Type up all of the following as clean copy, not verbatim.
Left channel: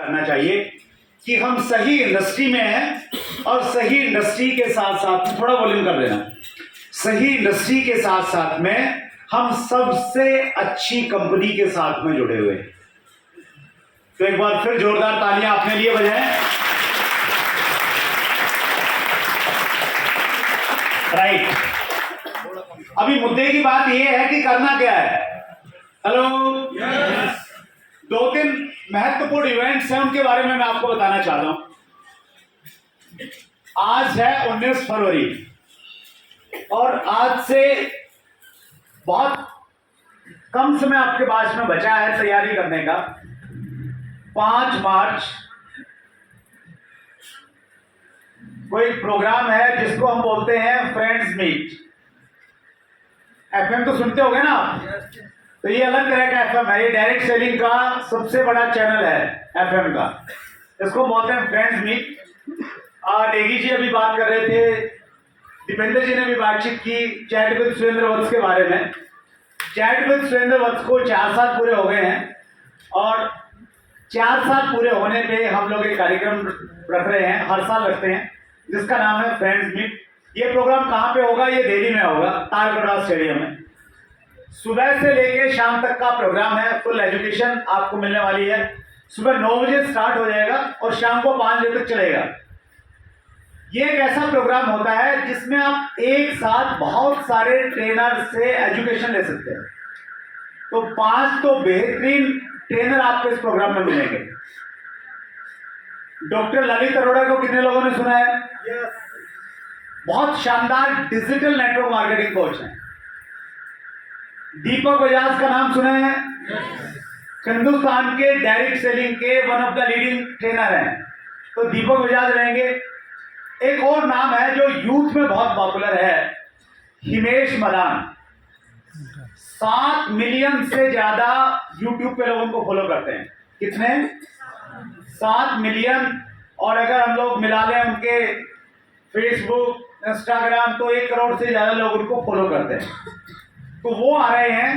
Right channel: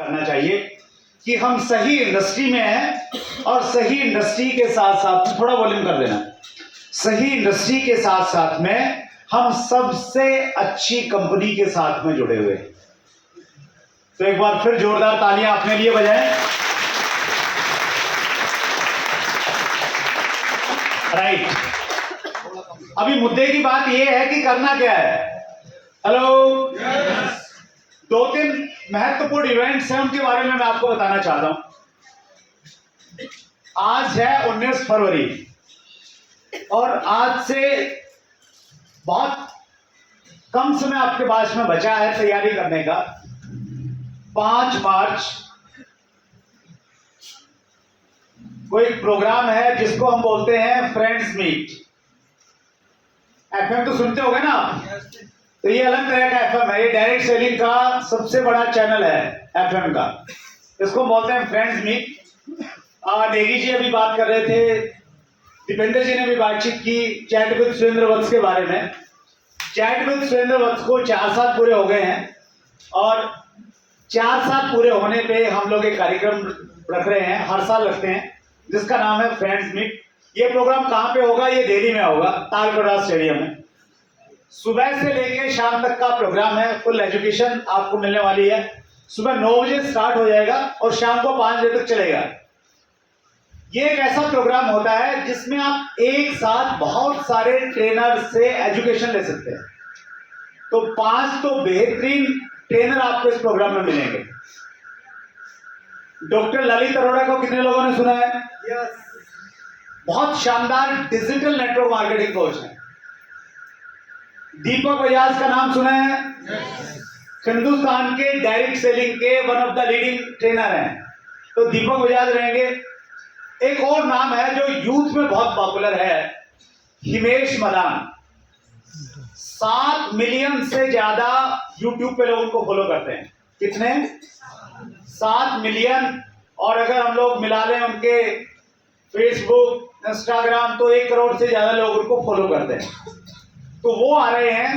करना चाहिए कि हम सही इंडस्ट्री में हैं और सही इंडस्ट्री के साथ साथ, थोड़ा वॉल्यूम कर देना, सही इंडस्ट्री के साथ साथ में हम सबसे अच्छी कंपनी के साथ में जुड़े हुए। तो एक बार फिर जोरदार तालियां अपने लिए बजाएं। राइट, अभी मुद्दे की बात यह है कि करना क्या है। हेलो, दो तीन महत्वपूर्ण इवेंट्स हैं, उनके बारे में मैं आपको बताना चाहता हूं। आज है 19 फरवरी और आज से बहुत कम समय आपके पास में बचा है तैयारी करने का। 5 मार्च कोई प्रोग्राम है जिसको हम बोलते हैं फ्रेंड्स मीट। एफएम तो सुनते होंगे ना आप? तो ये अलग तरह का एफएम है, ये डायरेक्ट सेलिंग का सबसे बड़ा चैनल है एफएम का, इसको बोलते हैं फ्रेंड्स मीट। नेगी जी अभी बात कर रहे थे, दीपेंद्र जी ने भी बातचीत की चैट विद सुरेंद्र वत्स के बारे में। चैट विद सुरेंद्र वत्स को 4 साल पूरे हो गए हैं और 4 साल पूरे होने पे हम लोग एक कार्यक्रम रख रहे हैं, हर साल रखते हैं, जिसका नाम है फ्रेंड्स मीट। ये प्रोग्राम कहाँ पे होगा? ये दिल्ली में होगा, तालकटोरा स्टेडियम में। सुबह से लेके शाम तक का प्रोग्राम है, फुल एजुकेशन आपको मिलने वाली है। सुबह 9 बजे स्टार्ट हो जाएगा और शाम को 5 बजे तक चलेगा। ये एक ऐसा प्रोग्राम होता है जिसमें आप एक साथ बहुत सारे ट्रेनर से एजुकेशन ले सकते हैं। तो 5 तो बेहतरीन ट्रेनर आपको इस प्रोग्राम में मिलेंगे। डॉक्टर ललित अरोड़ा को कितने लोगों ने सुना है? yes. बहुत शानदार डिजिटल नेटवर्क मार्केटिंग कोच हैं। दीपक बजाज का नाम सुना है? yes. हिंदुस्तान के डायरेक्ट सेलिंग के one of the leading trainer हैं, तो दीपक बजाज रहेंगे। एक और नाम है जो यूथ में बहुत पॉपुलर है, हिमेश मदान। 7 मिलियन से ज्यादा यूट्यूब पे लोगों को फॉलो करते हैं। कितने? 7 मिलियन। और अगर हम लोग मिला लें उनके फेसबुक, इंस्टाग्राम, तो 1 करोड़ से ज्यादा लोग उनको फॉलो करते हैं। तो वो आ रहे हैं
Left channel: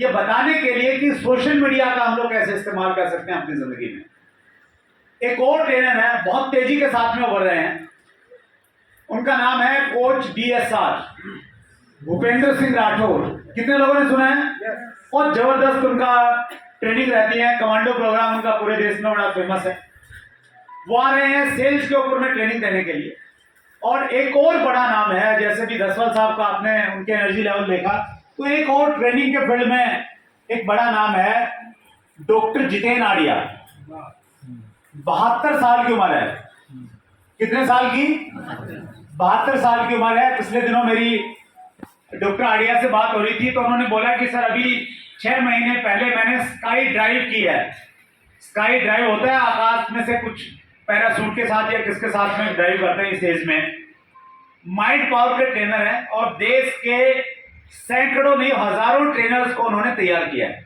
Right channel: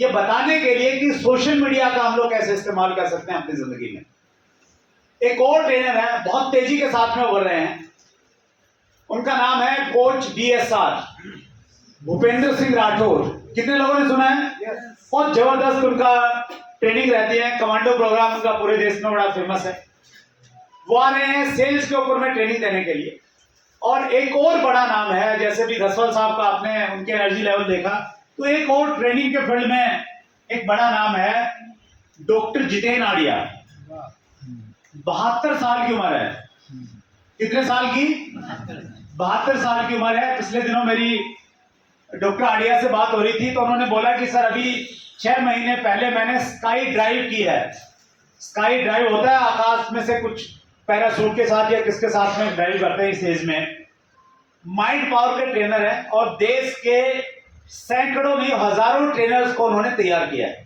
ये बताने के लिए कि सोशल मीडिया का हम लोग कैसे इस्तेमाल कर सकते हैं अपनी जिंदगी में। एक और ट्रेनर है, बहुत तेजी के साथ में बढ़ रहे हैं, उनका नाम है कोच DSR, भूपेंद्र सिंह राठौर। कितने लोगों ने सुना है? बहुत जबरदस्त उनका ट्रेनिंग रहती है, कमांडो प्रोग्राम उनका पूरे देश में बड़ा फेमस है। वो आ रहे हैं सेल्स के ऊपर में ट्रेनिंग देने के लिए। और एक और बड़ा नाम है, जैसे भी दसवाल साहब का आपने उनके एनर्जी लेवल देखा, तो एक और ट्रेनिंग के फील्ड में एक बड़ा नाम है डॉक्टर जितेन आडिया। 72 साल की उम्र है। कितने साल की? 72 साल की उम्र है। पिछले दिनों मेरी डॉक्टर आडिया से बात हो रही थी तो उन्होंने बोला कि सर अभी 6 महीने पहले मैंने स्काई ड्राइव की है। स्काई ड्राइव होता है आकाश में से कुछ पैराशूट के साथ या किसके साथ में ड्राइव करते हैं इस एज में। माइंड पावर के ट्रेनर हैं और देश के सैकड़ों नहीं हजारों ट्रेनर्स को उन्होंने तैयार किया है।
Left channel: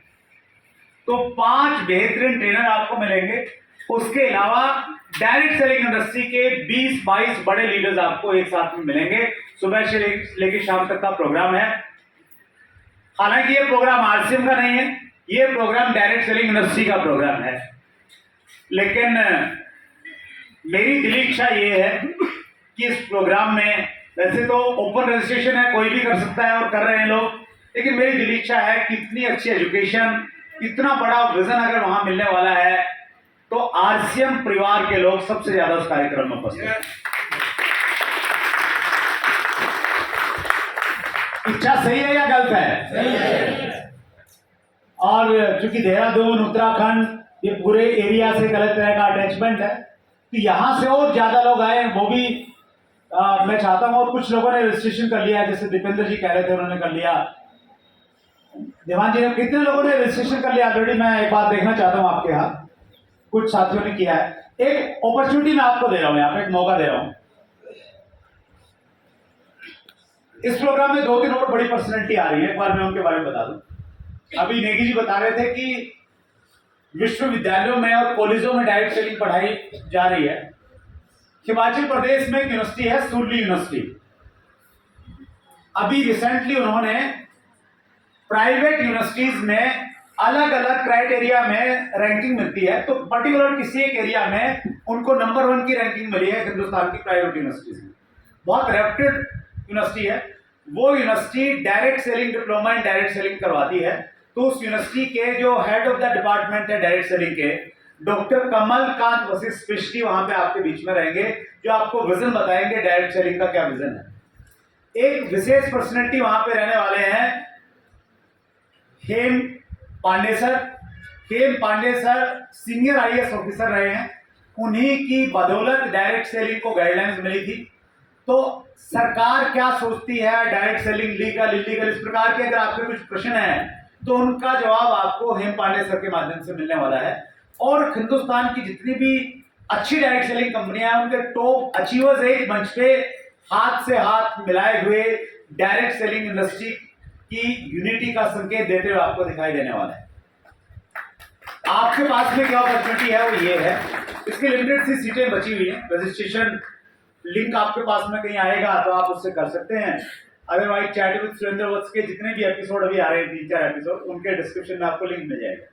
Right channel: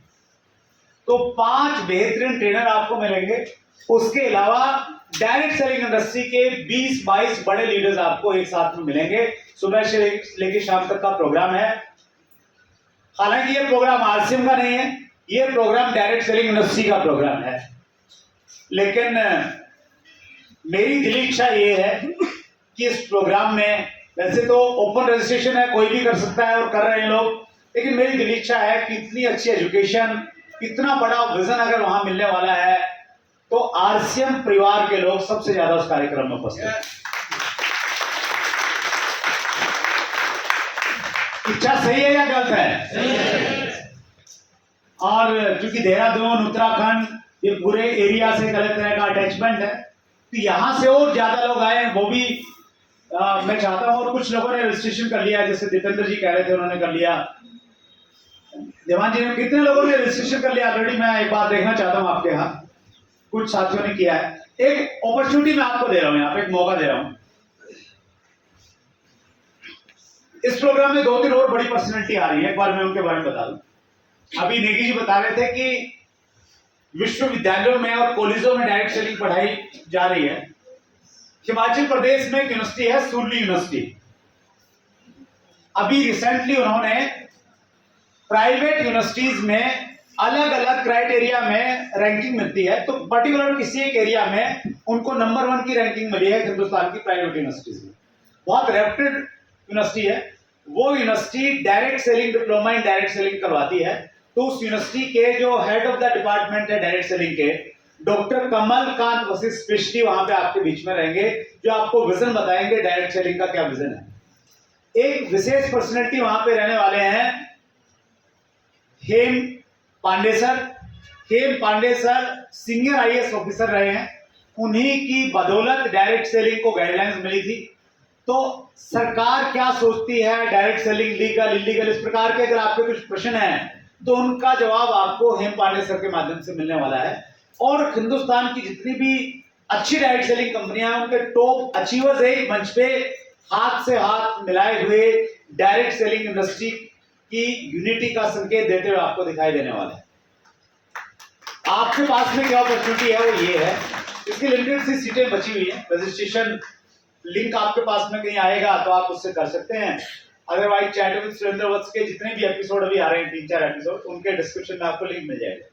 तो 5 बेहतरीन ट्रेनर आपको मिलेंगे। उसके अलावा डायरेक्ट सेलिंग इंडस्ट्री के 20-22 बड़े लीडर्स आपको एक साथ में मिलेंगे। सुबह से लेकर शाम तक का प्रोग्राम है। हालांकि ये प्रोग्राम RCM का नहीं है, ये प्रोग्राम डायरेक्ट सेलिंग इंडस्ट्री का प्रोग्राम है। लेकिन मेरी दिली इच्छा ये है कि इस प्रोग्राम में, वैसे तो ओपन रजिस्ट्रेशन है, कोई भी कर सकता है और कर रहे हैं लोग, लेकिन मेरी दिली इच्छा है कि इतनी अच्छी एजुकेशन, इतना बड़ा विजन अगर वहां मिलने वाला है तो RCM परिवार के लोग सबसे ज्यादा उस कार्यक्रम में उपस्थित हैं। इच्छा सही है या गलत है? सही है। और चूंकि देहरादून, उत्तराखंड, ये पूरे एरिया से एक अलग तरह का अटैचमेंट है, तो यहां से और ज्यादा लोग आए, वो भी मैं चाहता हूं। और कुछ लोगों ने रजिस्ट्रेशन कर लिया, जैसे दीपेंद्र जी कह रहे थे उन्होंने कर लिया, देवान जी ने, कितने लोगों ने रजिस्ट्रेशन कर लिया ऑलरेडी? मैं एक बात देखना चाहता हूं आपके यहाँ, कुछ साथियों ने किया है। एक अपॉर्चुनिटी मैं आपको दे रहा हूं, यहाँ पे एक मौका दे रहा हूं। इस प्रोग्राम में 2-3 और बड़ी पर्सनैलिटी आ रही है, एक बार मैं उनके बारे में बता दूं। अभी नेगी जी बता रहे थे कि विश्वविद्यालयों में और कॉलेजों में डायरेक्ट सेलिंग पढ़ाई जा रही है। हिमाचल प्रदेश में एक यूनिवर्सिटी है, सूरली यूनिवर्सिटी। अभी रिसेंटली उन्होंने प्राइवेट यूनिवर्सिटीज में अलग अलग क्राइटेरिया में रैंकिंग मिलती है, तो पर्टिकुलर किसी एक एरिया में उनको नंबर 1 की रैंकिंग मिली है हिंदुस्तान की प्राइवेट यूनिवर्सिटीज में। बहुत रेप्यूटेड यूनिवर्सिटी है। वो university direct selling diploma in direct selling करवाती है। तो उस यूनिवर्सिटी के जो हेड ऑफ द डिपार्टमेंट है डायरेक्ट सेलिंग के, डॉक्टर कमल कांत वशिष्ठ स्पेशली वहां पे आपके बीच में रहेंगे, जो आपको विजन बताएंगे डायरेक्ट सेलिंग का क्या विजन है। एक विशेष पर्सनैलिटी वहां पे रहने वाले हैं Hem Pande sir. Hem Pande sir senior IAS officer रहे हैं। उन्हीं की बदौलत डायरेक्ट सेलिंग को गाइडलाइंस मिली थी। तो सरकार क्या सोचती है डायरेक्ट सेलिंग, लीगल इलीगल, इस प्रकार के अगर आपके कुछ प्रश्न हैं तो उनका जवाब आपको हेम पांडे सर के माध्यम से मिलने वाला है। और हिंदुस्तान की जितनी भी अच्छी डायरेक्ट सेलिंग कंपनियां हैं उनके टॉप अचीवर्स एक मंच पे हाथ से हाथ मिलाए हुए डायरेक्ट सेलिंग इंडस्ट्री की यूनिटी का संकेत देते हुए आपको दिखाई देने वाला है। आपके पास में क्या अपॉर्चुनिटी है वो ये है, इसकी लिमिटेड सी सीटें बची हुई हैं। रजिस्ट्रेशन लिंक आपके पास में कहीं आएगा तो आप उससे कर सकते हैं। अदरवाइज चैट विद सुरेंद्र वत्स के जितने भी एपिसोड अभी आ रहे हैं 3-4 एपिसोड, उनके डिस्क्रिप्शन में आपको लिंक मिल जाएगा।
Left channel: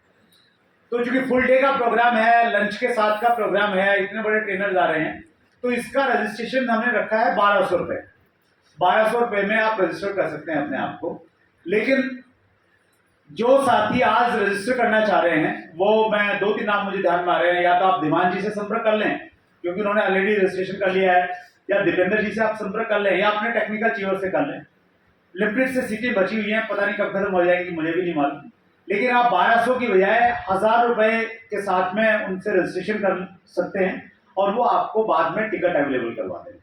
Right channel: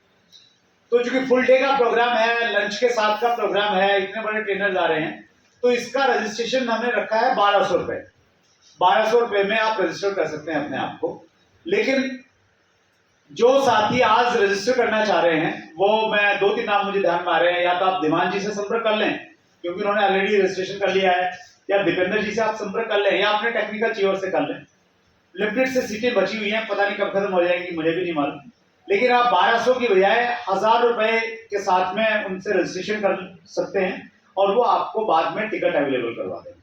तो चूंकि फुल डे का प्रोग्राम है, लंच के साथ का प्रोग्राम है, इतने बड़े ट्रेनर्स आ रहे हैं, तो इसका रजिस्ट्रेशन हमने रखा है 1200 रुपए। 1200 रुपए में आप रजिस्टर कर सकते हैं अपने आप को। लेकिन जो साथी आज रजिस्टर करना चाह रहे हैं वो, मैं 2-3 नाम मुझे ध्यान में आ रहे हैं, या तो आप धीमान जी से संपर्क कर लें क्योंकि उन्होंने ऑलरेडी रजिस्ट्रेशन कर लिया है, या दीपेंद्र जी से आप संपर्क कर लें, या अपने टेक्निकल चीवर से कर लें। लिमिटेड से सीटें बची हुई हैं, पता नहीं कब खत्म हो जाएंगी, मुझे भी नहीं मालूम। लेकिन आप 1200 की बजाय 1000 रुपए के साथ में उनसे रजिस्ट्रेशन कर सकते हैं और वो आपको बाद में टिकट अवेलेबल करवा देंगे।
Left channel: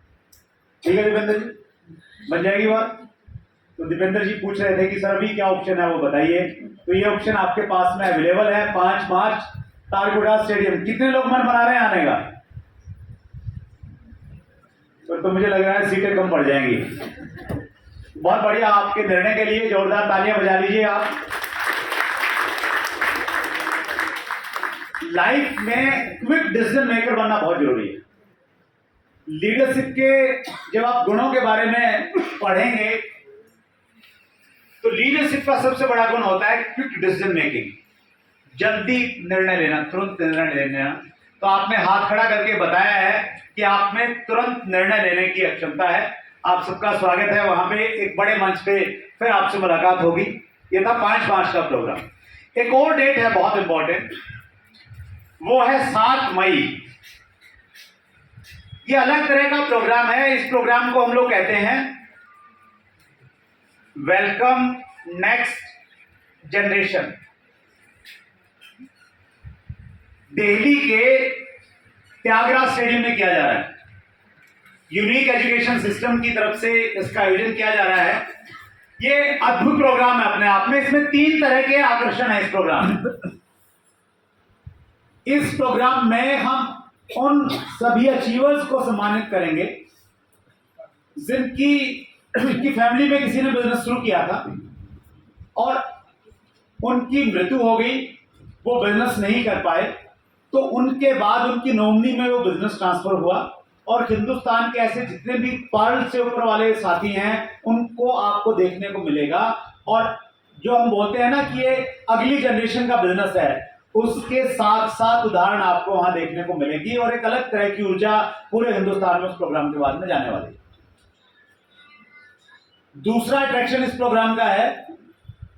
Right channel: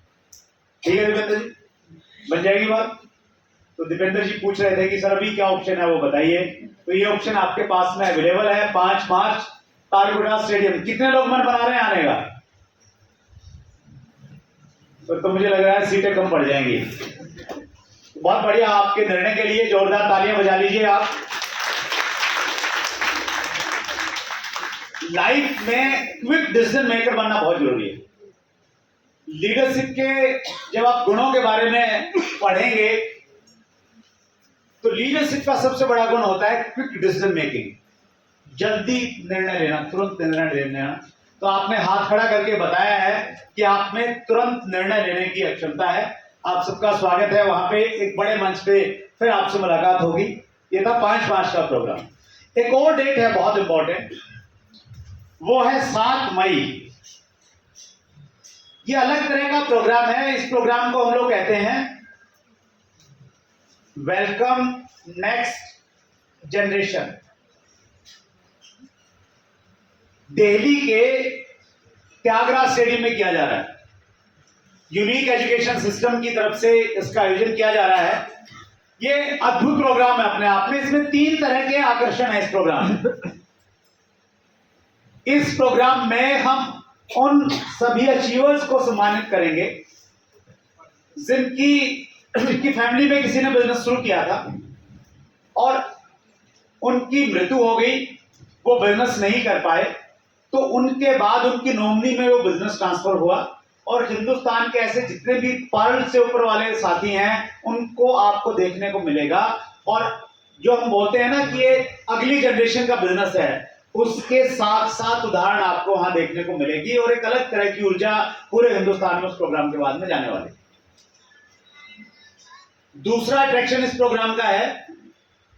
ठीक है दीपेंद्र जी, बन जाएगी बात। तो दीपेंद्र जी पूछ रहे थे कि सर अभी क्या ऑप्शन है वो बताइए। तो ये ऑप्शन आपके पास में अवेलेबल है। 5 मार्च तारकुड़ा स्टेडियम। कितने लोग मन बना रहे हैं आने का? तो मुझे लग रहा है सीटें कम पड़ जाएंगी। बहुत बढ़िया, आपके निर्णय के लिए जोरदार तालियां बजा लीजिए आप। लाइफ में क्विक डिसीजन मेकर बनना बहुत जरूरी है। लीडरशिप के जब आप गुणों के बारे में पढ़ेंगे तो लीडरशिप का सबसे बड़ा गुण होता है क्विक डिसीजन मेकिंग, जल्दी निर्णय लेना, तुरंत निर्णय लेना। तो आपने हाथ खड़ा करके बताया है कि आप में तुरंत निर्णय लेने की क्षमता है। आप सबका स्वागत है वहां पे, एक बड़े मंच पे फिर आपसे मुलाकात होगी। ये था 5 मार्च का प्रोग्राम। एक और डेट है बहुत इंपॉर्टेंट, वो है 7 मई। ये अलग तरह का प्रोग्राम है। इस प्रोग्राम को हम लोग कहते हैं वेलकम नेक्स्ट जनरेशन। दिल्ली के त्यागराज स्टेडियम में किया जा रहा है। यूनिक एजुकेशन सिस्टम की तरफ से इसका आयोजन किया जा रहा है। ये अद्भुत प्रोग्राम है अपने आप में। इसमें 3 तरह के आकर्षण है इस प्रोग्राम में। इस प्रोग्राम में हम उन सभी अचीवर्स को सम्मानित करेंगे जिनकी फैमिली में किसी ने बिजनेस शुरू किया था और उनकी मृत्यु हो गई, वो बिजनेस नहीं कर पाए, तो उनके बाद उनकी नॉमिनी में वो बिजनेस ट्रांसफर हुआ। और हिंदुस्तान के ऐसे जितने भी पर्ल से ऊपर वाले साथी हैं उनको आपको देखने को मिलेगा। और जो हम बोलते हैं ना कि ये अगली जनरेशन का बिजनेस है, उसके साथ साथ उदाहरण आपको वहां देखने को मिलेगी और एक अलग तरह की ऊर्जा पूरे हिंदुस्तान में उस प्रोग्राम के बाद में जाने वाली। दूसरा अट्रैक्शन इस प्रोग्राम का है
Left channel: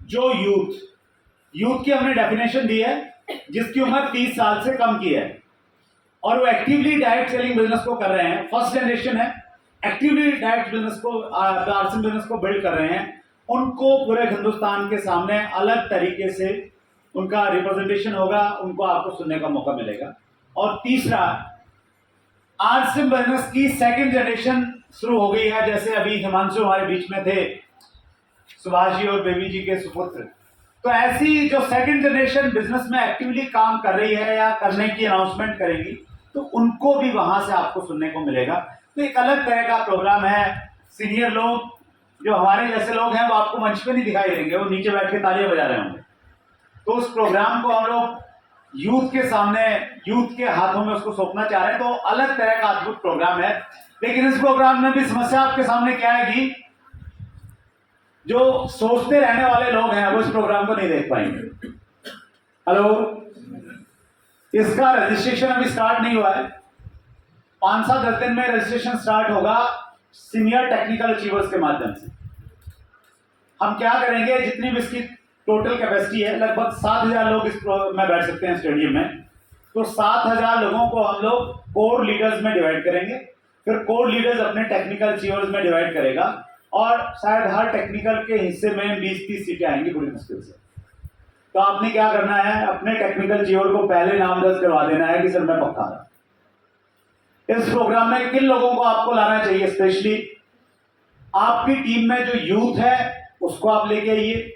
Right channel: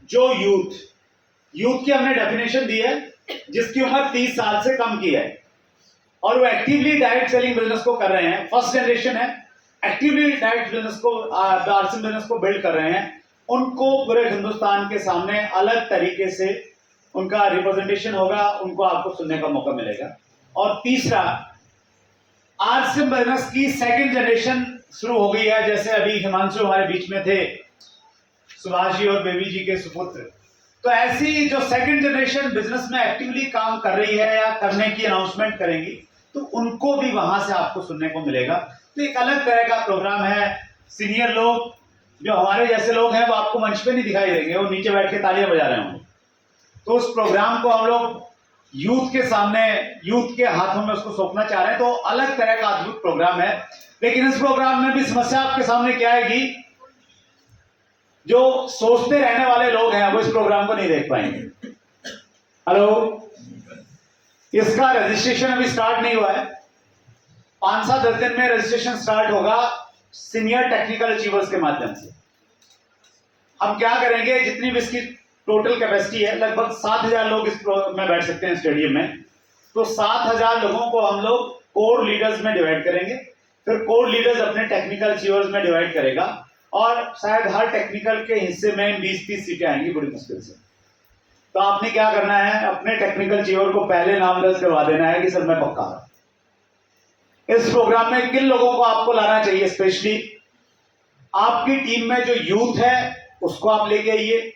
जो यूथ की हमने डेफिनेशन दी है, जिसकी उम्र 30 साल से कम की है और वो एक्टिवली डायरेक्ट सेलिंग बिजनेस को कर रहे हैं। फर्स्ट जनरेशन है, एक्टिवली डायरेक्ट बिजनेस को, आरसीएम बिजनेस को बिल्ड कर रहे हैं। उनको पूरे हिंदुस्तान के सामने अलग तरीके से उनका रिप्रेजेंटेशन होगा, उनको आपको सुनने का मौका मिलेगा। और तीसरा, आरसीएम बिजनेस की सेकंड जनरेशन शुरू हो गई है। जैसे अभी हिमांशु हमारे बीच में थे, सुभाष जी और बेबी जी के सुपुत्र। तो ऐसी जो सेकंड जनरेशन बिजनेस में एक्टिवली काम कर रही है या करने की अनाउंसमेंट करेंगी, तो उनको भी वहां से आपको सुनने को मिलेगा। तो एक अलग तरह का प्रोग्राम है। सीनियर लोग, जो हमारे जैसे लोग हैं, वो आपको मंच पे नहीं दिखाई देंगे, वो नीचे बैठ के तालियां बजा रहे होंगे। तो उस प्रोग्राम को हम लोग यूथ के सामने, यूथ के हाथों में उसको सौंपना चाह रहे हैं। तो अलग तरह का अद्भुत प्रोग्राम है। लेकिन इस प्रोग्राम में भी समस्या आपके सामने क्या आएगी, जो सोचते रहने वाले लोग हैं वो इस प्रोग्राम को नहीं देख पाएंगे। हेलो, इसका रजिस्ट्रेशन अभी स्टार्ट नहीं हुआ है। 5-7-10 दिन में रजिस्ट्रेशन स्टार्ट होगा सीनियर टेक्निकल अचीवर्स के माध्यम से। हम क्या करेंगे, जितनी भी इसकी टोटल कैपेसिटी है, लगभग 7,000 लोग इस में बैठ सकते हैं स्टेडियम में। तो 7,000 लोगों को हम लोग कोर लीडर्स में डिवाइड करेंगे, फिर कोर लीडर्स अपने टेक्निकल अचीवर्स में डिवाइड करेगा, और शायद हर टेक्निकल के हिस्से में 20-30 सीटें आएंगी बड़ी मुश्किल से। तो आपने क्या करना है, अपने टेक्निकल अचीवर को पहले नाम दर्ज करवा देना है कि सर मैं पक्का रहा। इस प्रोग्राम में किन लोगों को आपको लाना चाहिए, स्पेशली आपकी टीम में जो यूथ है उसको आप लेके आइए।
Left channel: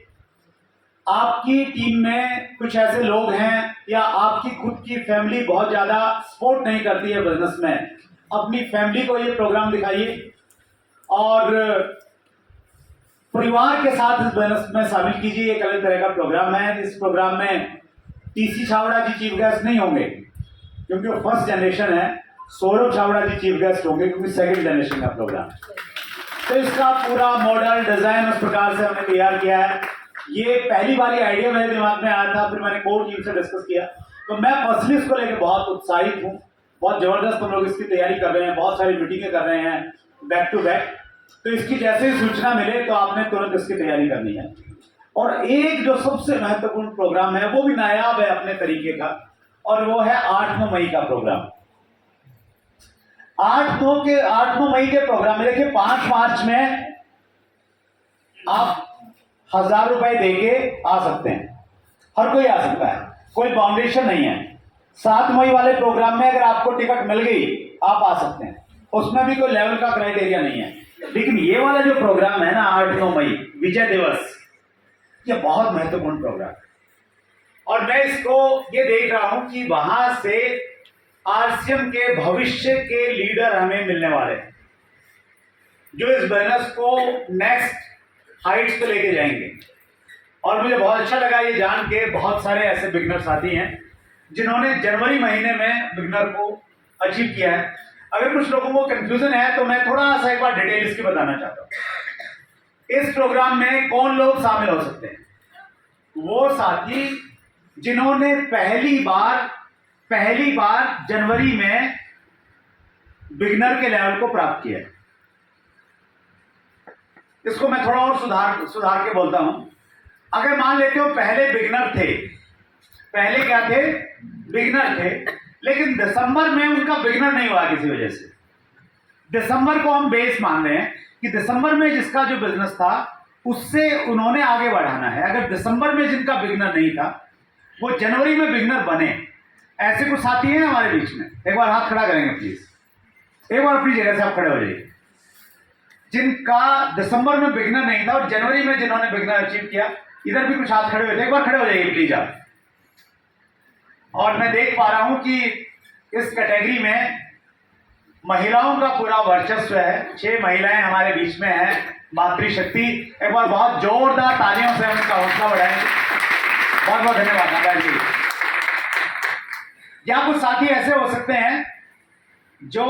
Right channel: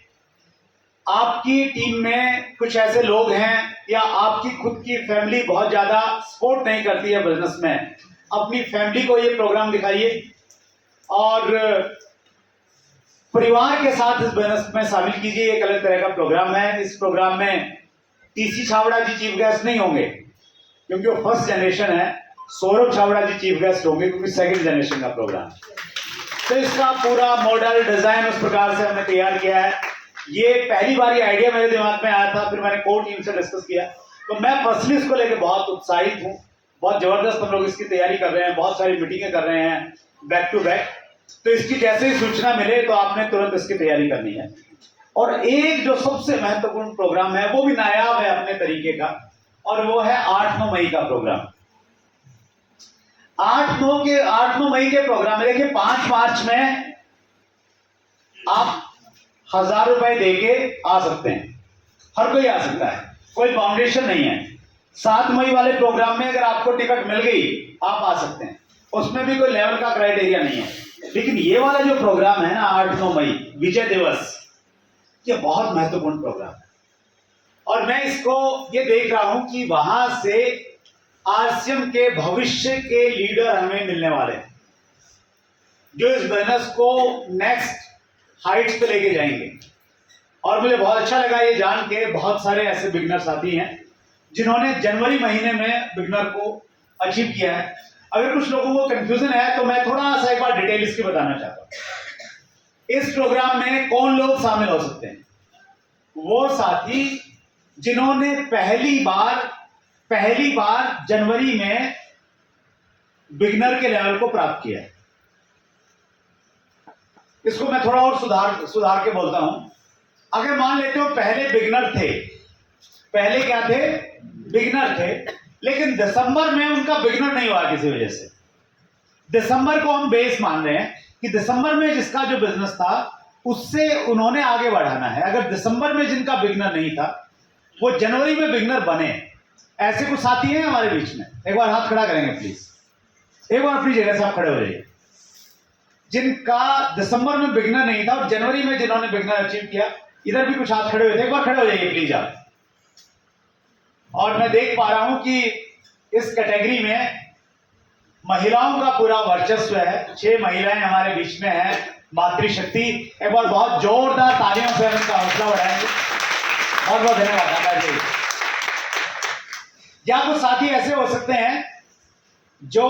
आपकी टीम में कुछ ऐसे लोग हैं या आपकी खुद की फैमिली बहुत ज्यादा सपोर्ट नहीं करती है बिजनेस में, अपनी फैमिली को ये प्रोग्राम दिखाइए और परिवार के साथ इस बिजनेस में शामिल कीजिए। एक अलग तरह का प्रोग्राम है। इस प्रोग्राम में टीसी छावड़ा जी चीफ गेस्ट नहीं होंगे क्योंकि वो फर्स्ट जनरेशन है, सौरभ छावड़ा जी चीफ गेस्ट होंगे क्योंकि सेकंड जनरेशन का प्रोग्राम। तो इसका पूरा मॉडल डिजाइन उस प्रकार से हमने तैयार किया है। ये पहली बार ये आइडिया मेरे दिमाग में आया था, फिर मैंने कोर टीम से डिस्कस किया। तो मैं पर्सनली इसको लेकर बहुत उत्साहित हूँ। बहुत जबरदस्त हम लोग इसकी तैयारी कर रहे हैं, बहुत सारी मीटिंगें कर रहे हैं बैक टू बैक। तो इसकी जैसे ही सूचना मिले तो आपने तुरंत इसकी तैयारी करनी है। और एक जो सबसे महत्वपूर्ण प्रोग्राम है वो भी नायाब है अपने तरीके का, और वो है 8-9 मई का प्रोग्राम। 8-9 मई के प्रोग्राम में देखिए, 5 मार्च में आप 1,000 रुपए देके आ सकते हैं, हर कोई आ सकता है, कोई बाउंडेशन नहीं है। 7 मई वाले प्रोग्राम में अगर आपको टिकट मिल गई आप आ सकते हैं, उसमें भी कोई लेवल का क्राइटेरिया नहीं है। लेकिन ये वाला जो प्रोग्राम है ना 8-9 मई विजय दिवस, ये बहुत महत्वपूर्ण प्रोग्राम है। और मैं इसको ये देख रहा हूं कि वहां से आरसीएम के भविष्य के लीडर हमें मिलने वाले हैं जो इस बिजनेस को नेक्स्ट हाइट्स पे लेके जाएंगे। और मुझे बहुत अच्छा लगा ये जान के, बहुत सारे ऐसे बिगनर साथी हैं जिन्होंने जनवरी महीने में बिगनर को अचीव किया है। अगर कुछ लोगों को कंफ्यूजन है तो मैं थोड़ा सा एक बार डिटेल इसकी बताना चाहता हूं। इस प्रोग्राम में कौन लोग शामिल हो सकते हैं? वो साथी जिन्होंने पहली बार जनवरी में बिगनर के लेवल को प्राप्त किया है। इसको मैं थोड़ा और सुधार के बोलता हूं। अगर मान लेते हो पहले बिगनर थे, पहले क्या थे? बिगनर थे, लेकिन दिसंबर में उनका बिगनर नहीं हुआ किसी वजह से। दिसंबर को हम बेस मान रहे हैं कि दिसंबर में जिसका जो बिजनेस था उससे उन्होंने आगे बढ़ाना है। अगर दिसंबर में जिनका बिगनर नहीं था वो जनवरी में बिगनर बने, ऐसे कुछ साथी हैं हमारे बीच में? एक बार हाथ खड़ा करेंगे प्लीज, एक बार अपनी जगह से आप खड़े हो जाइए। जिनका दिसंबर में बिगनर नहीं था और जनवरी में जिन्होंने बिगनर अचीव किया, इधर भी कुछ हाथ खड़े हुए थे, एक बार खड़े हो जाइए प्लीज आप। और मैं देख पा रहा हूं कि इस कैटेगरी में महिलाओं का पूरा वर्चस्व है। 6 महिलाएं हमारे बीच में हैं, मातृशक्ति। एक बार बहुत जोरदार तालियों से हम इनका हौसला बढ़ाएंगे। बहुत बहुत धन्यवाद आकाश जी। या कुछ साथी ऐसे हो सकते हैं जो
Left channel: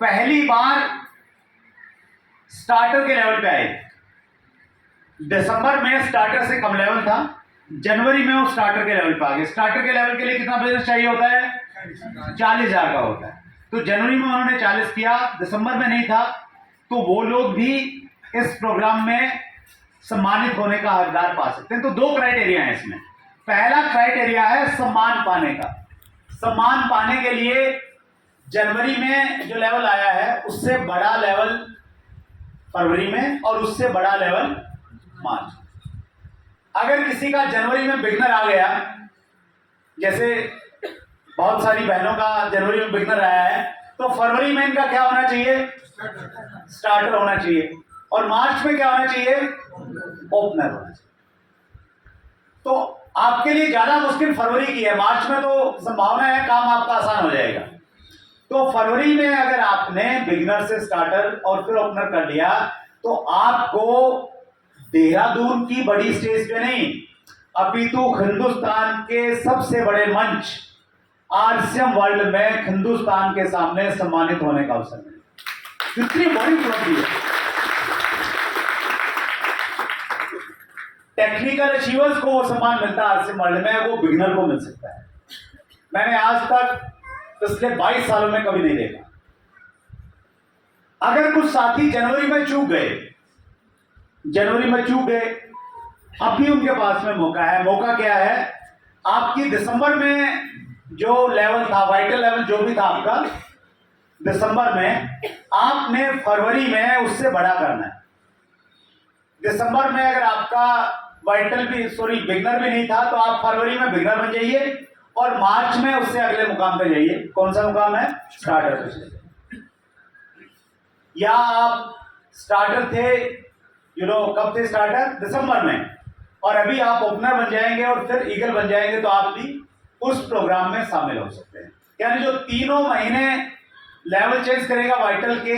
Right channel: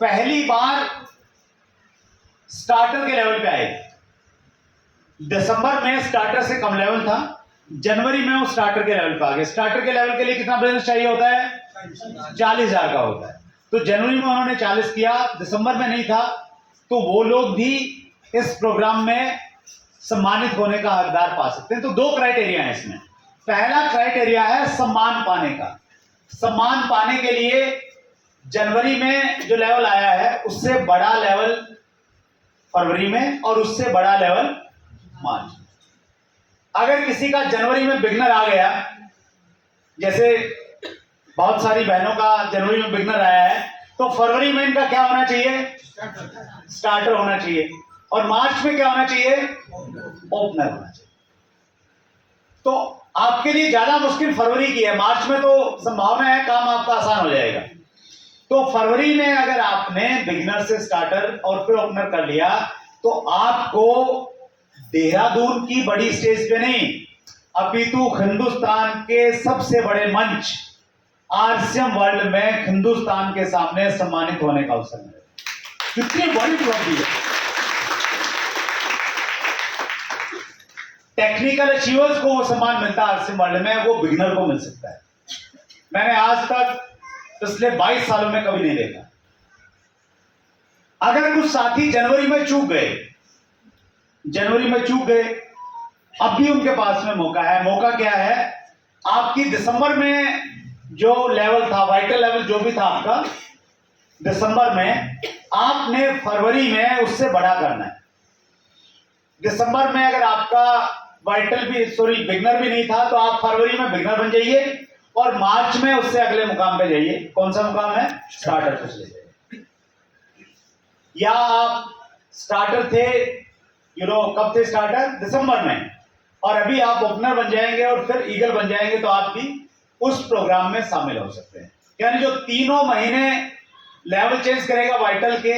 पहली बार स्टार्टर के लेवल पे आए। दिसंबर में स्टार्टर से कम लेवल था, जनवरी में वो स्टार्टर के लेवल पे आ गए। स्टार्टर के लेवल के लिए कितना बिजनेस चाहिए होता है? 40,000 का होता है। तो जनवरी में उन्होंने 40 किया, दिसंबर में नहीं था, तो वो लोग भी इस प्रोग्राम में सम्मानित होने का हकदार पा सकते हैं। तो 2 क्राइटेरिया है इसमें। पहला क्राइटेरिया है सम्मान पाने का। सम्मान पाने के लिए जनवरी में जो लेवल आया है उससे बड़ा लेवल फरवरी में और उससे बड़ा लेवल मार्च। अगर किसी का जनवरी में बिगनर आ गया, जैसे बहुत सारी बहनों का जनवरी में बिगनर आया है, तो फरवरी में इनका क्या होना चाहिए? स्टार्टर होना चाहिए। और मार्च में क्या होना चाहिए? ओपनर होना चाहिए। तो आपके लिए ज्यादा मुश्किल फरवरी की है, मार्च में तो संभावना है काम आपका आसान हो जाएगा। तो फरवरी में अगर आपने बिगिनर से स्टार्टर और फिर ओपनर कर लिया तो आपको देहरादून की बड़ी स्टेज पे नहीं अपितु हिंदुस्तान के सबसे बड़े मंच आरसीएम वर्ल्ड में हिंदुस्तान के सामने सम्मानित होने का अवसर मिलेगा। कितनी बड़ी उपलब्धि है। टेक्निकल अचीवर्स को वो सम्मान मिलता है आरसीएम वर्ल्ड में, वो बिगिनर को मिल सकता है। मैंने आज तक पिछले 22 सालों में कभी नहीं देखा। अगर कुछ साथी जनवरी में चूक गए, अब भी उनके पास में मौका है। मौका क्या है? आपकी दिसंबर में जो लेवल था, वाइटल लेवल जो भी था आपका दिसंबर में, आपने फरवरी में उससे बड़ा करना है। दिसंबर में अगर आपका बिगनर भी नहीं था, तो आप फरवरी में बिगनर बन जाइए और मार्च में उससे अगले मुकाम पे जाइए। कौन सा मुकाम है? स्टार्टर पे चले जाइए। या आप स्टार्टर थे, कब थे स्टार्टर? दिसंबर में, और अभी आप ओपनर बन जाएंगे और फिर ईगल बन जाएंगे, तो आप भी उस प्रोग्राम में शामिल हो सकते हैं। यानी जो 3 महीने लेवल चेंज करेगा वाइटल के,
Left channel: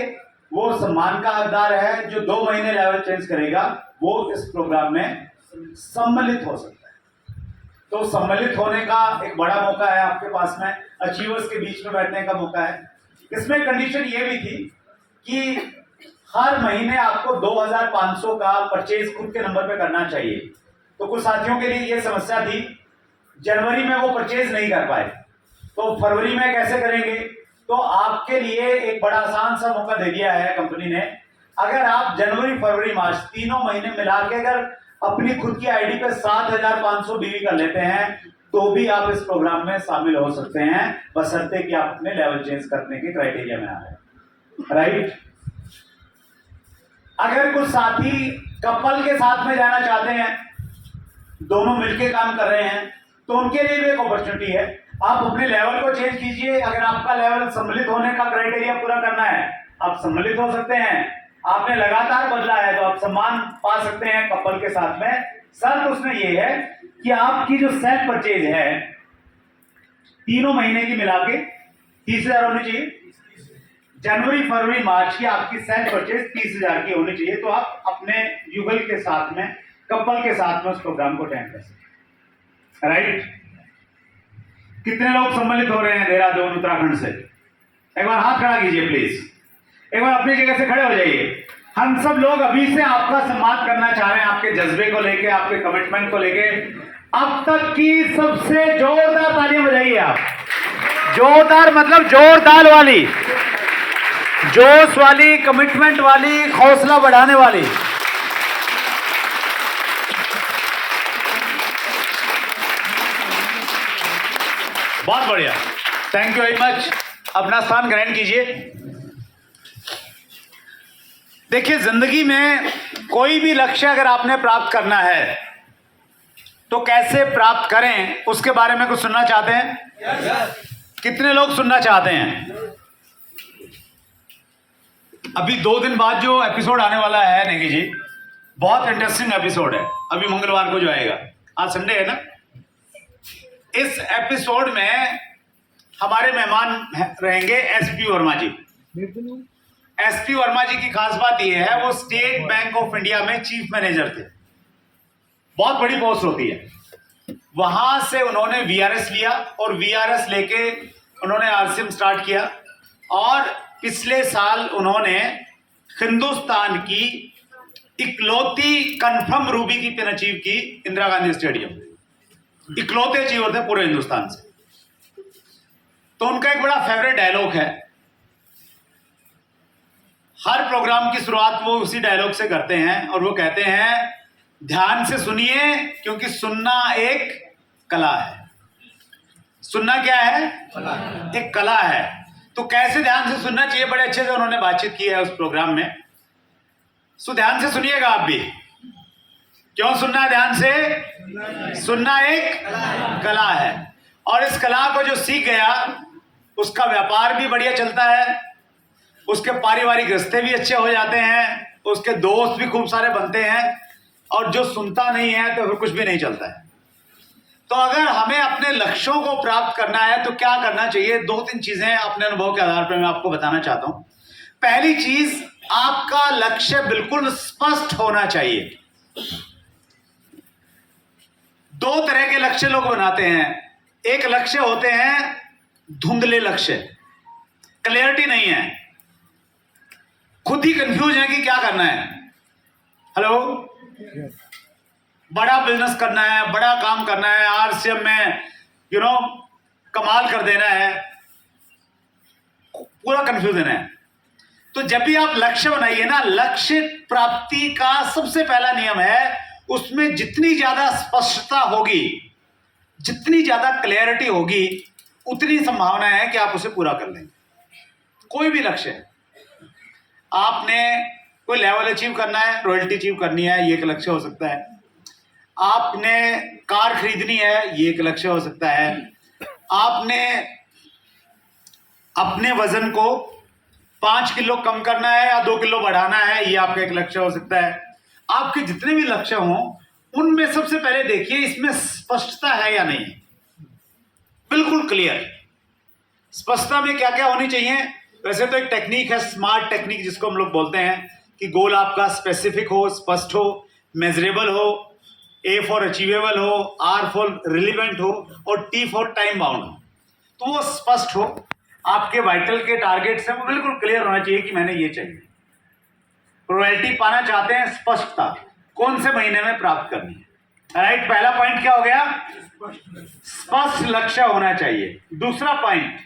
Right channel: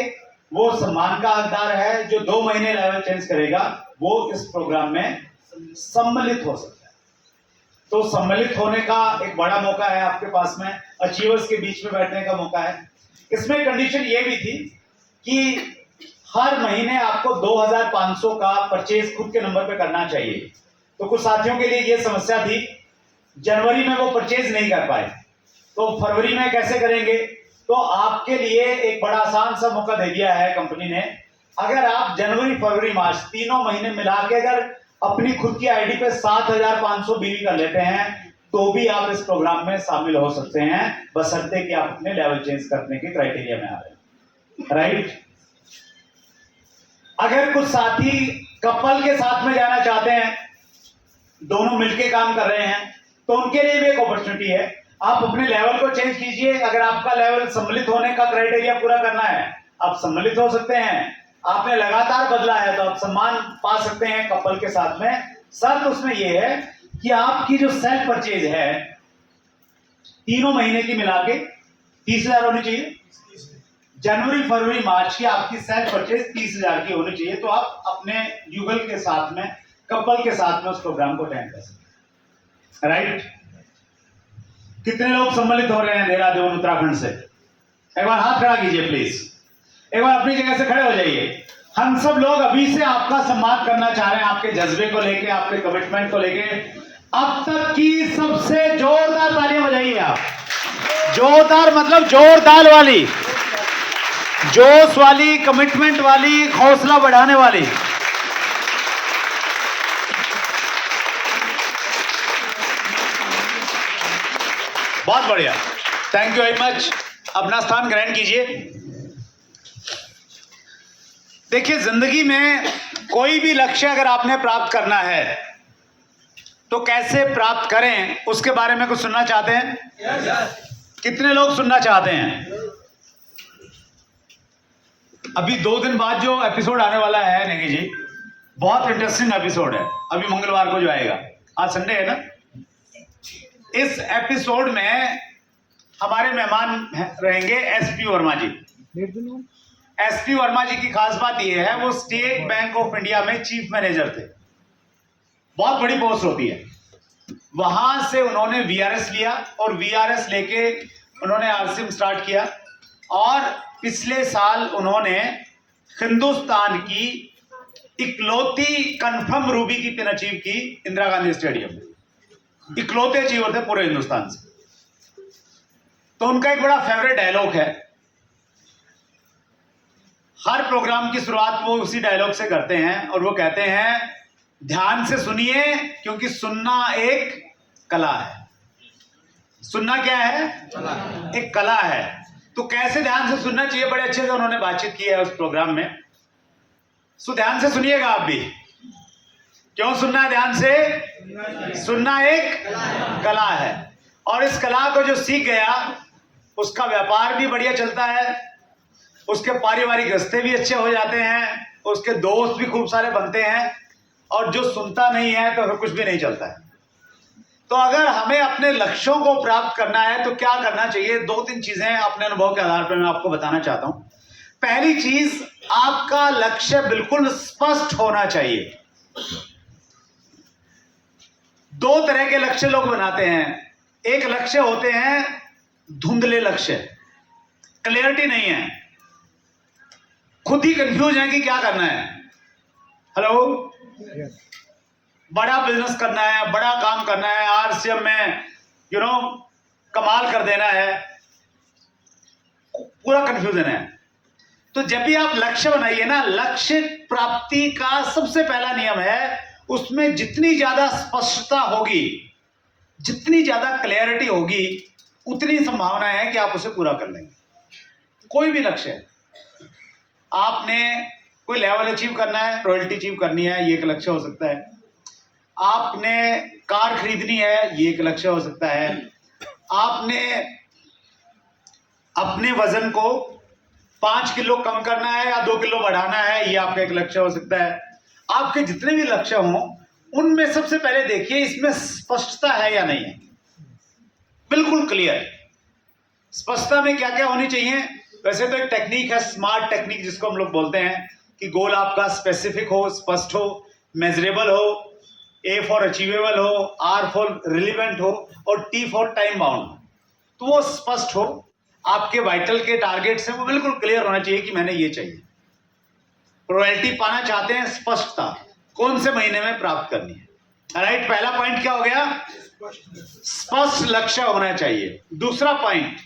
वो सम्मान का हकदार है। जो 2 महीने लेवल चेंज करेगा, वो इस प्रोग्राम में सम्मिलित हो सकता है। तो सम्मिलित होने का एक बड़ा मौका है आपके पास में, अचीवर्स के बीच में बैठने का मौका है। इसमें कंडीशन ये भी थी कि हर महीने आपको 2500 का परचेज खुद के नंबर पे करना चाहिए। तो कुछ साथियों के लिए ये समस्या थी, जनवरी में वो परचेज नहीं कर पाए, तो फरवरी में कैसे करेंगे? तो आपके लिए एक बड़ा आसान सा मौका दे दिया है कंपनी ने। अगर आप जनवरी, फरवरी, मार्च 3 महीने मिला के अगर अपनी खुद की आईडी पे 7500 बीवी कर लेते हैं, तो भी आप इस प्रोग्राम में शामिल हो सकते हैं, बशर्ते कि आप अपने लेवल चेंज करने के क्राइटेरिया में आ रहे हैं। राइट? अगर कुछ साथी कपल के साथ में जाना चाहते हैं, दोनों मिलके काम कर रहे हैं, तो उनके लिए भी एक अपॉर्चुनिटी है। आप अपने लेवल को चेंज कीजिए। अगर आपका लेवल सम्मिलित होने का क्राइटेरिया पूरा करना है, आप सम्मिलित हो सकते हैं। आपने लगातार बदला है, तो आप सम्मान पा सकते हैं कपल के साथ में। शर्त उसमें यह है कि आपकी जो सेल्फ परचेज है 3 महीने की मिला के 30,000 होनी चाहिए। जनवरी, फरवरी, मार्च की आपकी सेल्फ परचेज 30,000 की होनी चाहिए, तो आप अपने युगल के साथ में, कपल के साथ में उस प्रोग्राम को अटेंड कर सकते हैं। राइट? कितने लोग सम्मिलित हो रहे हैं देहरादून, उत्तराखंड से? एक बार हाथ खड़ा कीजिए प्लीज। एक बार अपनी जगह से खड़े हो जाइए। हम सब लोग अभी से आपका सम्मान करना चाह रहे हैं, आपके जज्बे को लेके, आपके कमिटमेंट को लेके। अब तक की सबसे जोरदार तालियां बजाइए आप। जोरदार मतलब जोरदार वाली, जोश वाली, कमिटमेंट वाली, हौसला बढ़ाने वाली। बहुत बढ़िया, थैंक यू वेरी मच। अपना स्थान ग्रहण कीजिए। देखिए, जिंदगी में कोई भी लक्ष्य अगर आपने प्राप्त करना है, तो कैसे प्राप्त करें, उसके बारे में कुछ सुनना चाहते हैं? कितने लोग सुनना चाहते हैं? अभी 2 दिन बाद जो एपिसोड आने वाला है नेगी जी, बहुत इंटरेस्टिंग एपिसोड है। अभी मंगलवार को जो आएगा, आज संडे है ना। इस एपिसोड में हमारे मेहमान रहेंगे एसपी वर्मा जी। एसपी वर्मा जी की खास बात यह है, वो स्टेट बैंक ऑफ इंडिया में चीफ मैनेजर थे। बहुत बड़ी पोस्ट होती है। वहां से उन्होंने वीआरएस लिया और वीआरएस लेके उन्होंने आरसीएम स्टार्ट किया, और पिछले साल उन्होंने हिंदुस्तान की इकलौती कंफर्म रूबी की पिन अचीव की इंदिरा गांधी स्टेडियम। इकलौते अचीवर थे पूरे हिंदुस्तान से। तो उनका एक बड़ा फेवरेट डायलॉग है, हर प्रोग्राम की शुरुआत वो उसी डायलॉग से करते हैं, और वो कहते हैं, ध्यान से सुनिए क्योंकि सुनना एक कला है। सुनना क्या है? एक कला है। तो कैसे ध्यान से सुनना चाहिए, बड़े अच्छे से उन्होंने बातचीत की है उस प्रोग्राम में। सो ध्यान से सुनिएगा आप भी। क्यों सुनना है ध्यान से? सुनना एक कला है, और इस कला को जो सीख गया, उसका व्यापार भी बढ़िया चलता है, उसके पारिवारिक रिश्ते भी अच्छे हो जाते हैं, उसके दोस्त भी खूब सारे बनते हैं, और जो सुनता नहीं है तो फिर कुछ भी नहीं चलता है। तो अगर हमें अपने लक्ष्यों को प्राप्त करना है, तो क्या करना चाहिए? 2-3 चीजें अपने अनुभव के आधार पर मैं आपको बताना चाहता हूं। पहली चीज, आपका लक्ष्य बिल्कुल स्पष्ट होना चाहिए। 2 तरह के लक्ष्य लोग बनाते हैं। एक लक्ष्य होते हैं धुंधले लक्ष्य, क्लैरिटी नहीं है, खुद ही कंफ्यूज है कि क्या करना है। हेलो, बड़ा बिजनेस करना है, बड़ा काम करना है, आरसीएम में कमाल कर देना है, पूरा कंफ्यूजन है। तो जब भी आप लक्ष्य बनाइए ना, लक्ष्य प्राप्ति का सबसे पहला नियम है, उसमें जितनी ज्यादा स्पष्टता होगी, जितनी ज्यादा क्लैरिटी होगी, उतनी संभावना है कि आप उसे पूरा कर लेंगे। कोई भी लक्ष्य है, आपने कोई लेवल अचीव करना है, रॉयल्टी अचीव करनी है, ये एक लक्ष्य हो सकता है। आपने कार खरीदनी है, ये एक लक्ष्य हो सकता है। आपने अपने वजन को 5 किलो कम करना है या 2 किलो बढ़ाना है, ये आपका एक लक्ष्य हो सकता है। आपके जितने भी लक्ष्य हों, उनमें सबसे पहले देखिए इसमें स्पष्टता है या नहीं है, बिल्कुल क्लियर। स्पष्टता में क्या क्या होनी चाहिए? वैसे तो एक टेक्निक है, स्मार्ट टेक्निक जिसको हम लोग बोलते हैं, कि गोल आपका स्पेसिफिक हो, स्पष्ट हो, मेजरेबल हो, ए फॉर अचीवेबल हो, आर फॉर रिलीवेंट हो, और टी फॉर टाइम बाउंड हो। तो वो स्पष्ट हो, आपके वाइटल के टारगेट्स हैं वो बिल्कुल क्लियर होना चाहिए कि मैंने ये चाहिए। रॉयल्टी पाना चाहते हैं, स्पष्टता, कौन से महीने में प्राप्त करनी है। राइट, पहला पॉइंट क्या हो गया? स्पष्ट लक्ष्य होना चाहिए। दूसरा पॉइंट,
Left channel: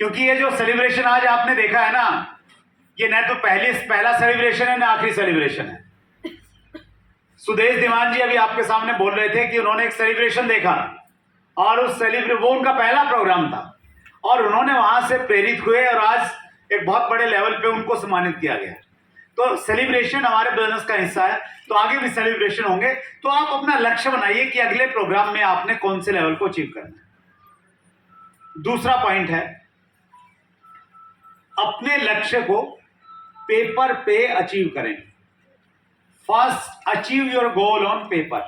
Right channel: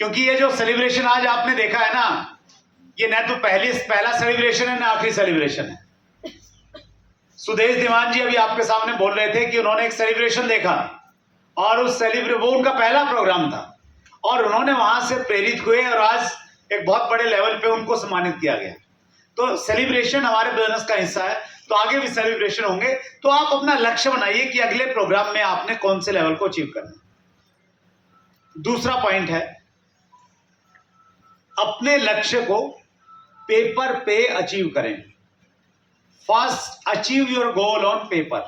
क्योंकि ये जो सेलिब्रेशन आज आपने देखा है ना, ये न तो पहला सेलिब्रेशन है ना आखिरी सेलिब्रेशन है। सुदेश दीवान जी अभी आपके सामने बोल रहे थे कि उन्होंने एक सेलिब्रेशन देखा, और उस वो उनका पहला प्रोग्राम था, और उन्होंने वहां से प्रेरित हुए, और आज एक बहुत बड़े लेवल पे उनको सम्मानित किया गया। तो सेलिब्रेशन हमारे बिजनेस का हिस्सा है, तो आगे भी सेलिब्रेशन होंगे। तो आप अपना लक्ष्य बनाइए कि अगले प्रोग्राम में आपने कौन से लेवल को अचीव करना है। दूसरा पॉइंट है, अपने लक्ष्य को पेपर पे अचीव करें। First achieve your goal on paper.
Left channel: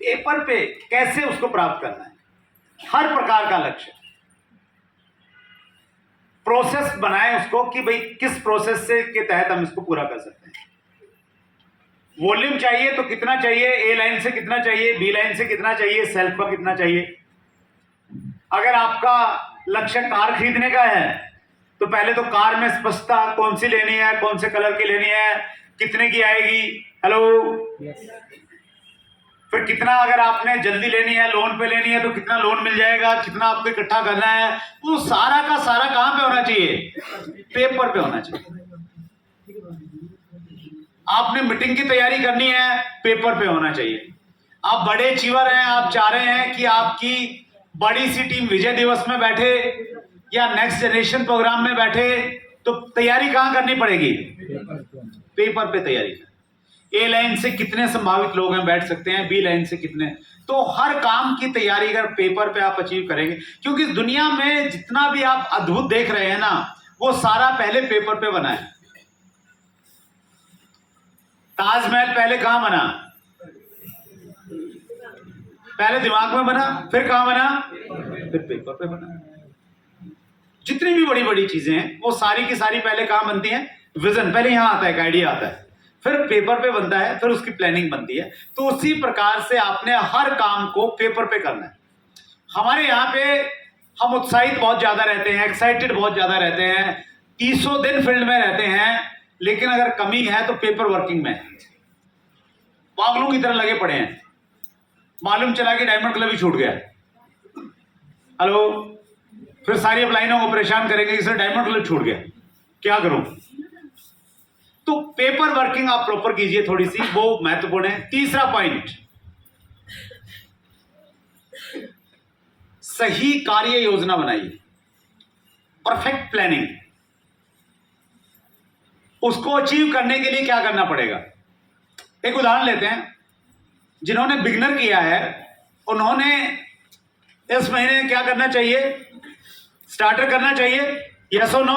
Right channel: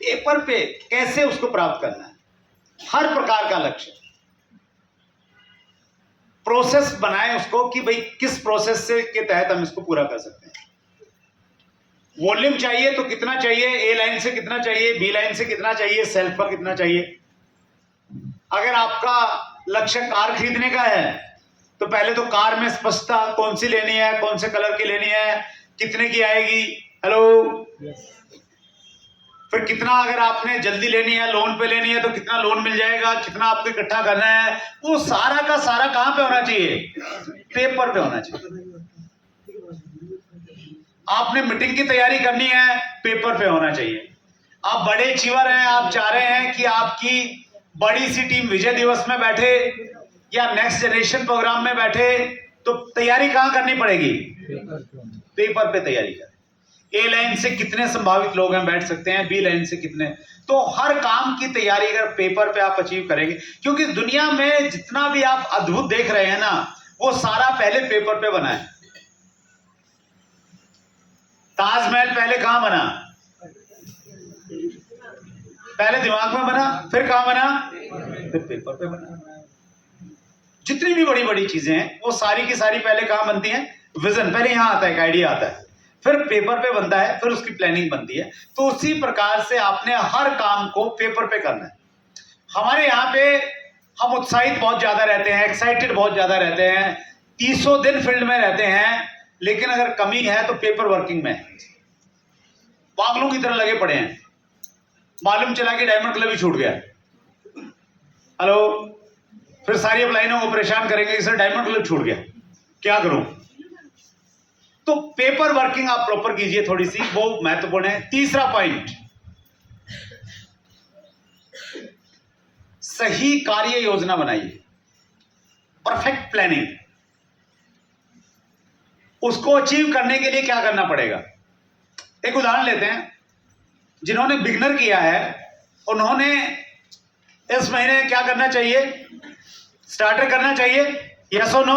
Paper पे कैसे उसको प्राप्त करना है, हर प्रकार का लक्ष्य, प्रोसेस बनाएं उसको कि भाई किस प्रोसेस से के तहत हम इसको पूरा कर सकते हैं। वॉल्यूम चाहिए तो कितना चाहिए, ए लाइन से कितना चाहिए, बी लाइन से कितना चाहिए, सेल्फ पर कितना चाहिए। अगर आपका लक्ष्य कार खरीदने का है तो पहले तो कार में स्पष्टता, कौन सी लेनी है, कौन से कलर की लेनी है, कितने की आएगी, हेलो फिर कितना, अगर आपने जल्दी लेनी है, लोन पे लेनी है तो कितना लोन मिल जाएगा, कितना आपको इकट्ठा करना है, वो सारा का सारा कहां पे होना चाहिए? पेपर पे होना चाहिए। आपने मीटिंग की तैयारी करनी है, पेपर पे होना चाहिए। आप बड़े अचीवर हैं, आप चाह रहे हैं कि आपकी बड़ी सी टीम विजय दिवस में बैठे या नेक्स्ट जनरेशन प्रोग्राम में बैठे, तो तैयारी कहां करनी पड़ेगी? पेपर पे तैयारी करें। ए लाइन से कितने संभावित लोग हैं बैठ सकते हैं, बी लाइन से कितने, तो हर काम की तैयारी अगर पेपर पे आप अचीव करेंगे, क्योंकि दुनिया में जितना भी आप अद्भुत देख रहे हैं ना, वो सारा पहले पेपर पे बना है। ताजमहल पहले कहां बना? पहले दिमाग में बना, फिर कहां बना? फिर पेपर पे बना। जितनी भी बड़ी बड़ी चीजें हैं वो सारी की सारी पहले कहां बनती हैं? विजन पहले यहां आता है, एक आइडिया आता है, फिर पेपर पे बनता है, फिर उसकी प्लानिंग बनती है। तो उसी प्रकार से आपने हर काम को पेपर पे करना है। हमारे यहाँ पे हम उत्साहित बहुत ज्यादा रहते हैं, एक्साइटेड बहुत ज्यादा रहते हैं, 300 दिन फील्ड में रहते हैं, लेकिन अगर कमी है तो पेपर वर्किंग में पागलों की तरह लगे पड़े हैं। मालूम चला कि डायमंड क्लब ही छूट गया, हेलो, फिर सारी अपलाइनों को परेशान करेंगे कि सर डायमंड क्लब छूट गया, क्या करूं? तो पेपर वर्किंग आप प्रॉपर कीजिए थोड़ी सी, वो महत्वपूर्ण है। तीसरा पॉइंट, सही कार्य योजना बनाइए, परफेक्ट प्लानिंग। उसको अचीव करने के लिए क्या करना पड़ेगा? एक उदाहरण लेते हैं, जिन्होंने बिगनर किया है उन्होंने इस महीने क्या करना चाहिए? स्टार्टर करना चाहिए, यस और नो?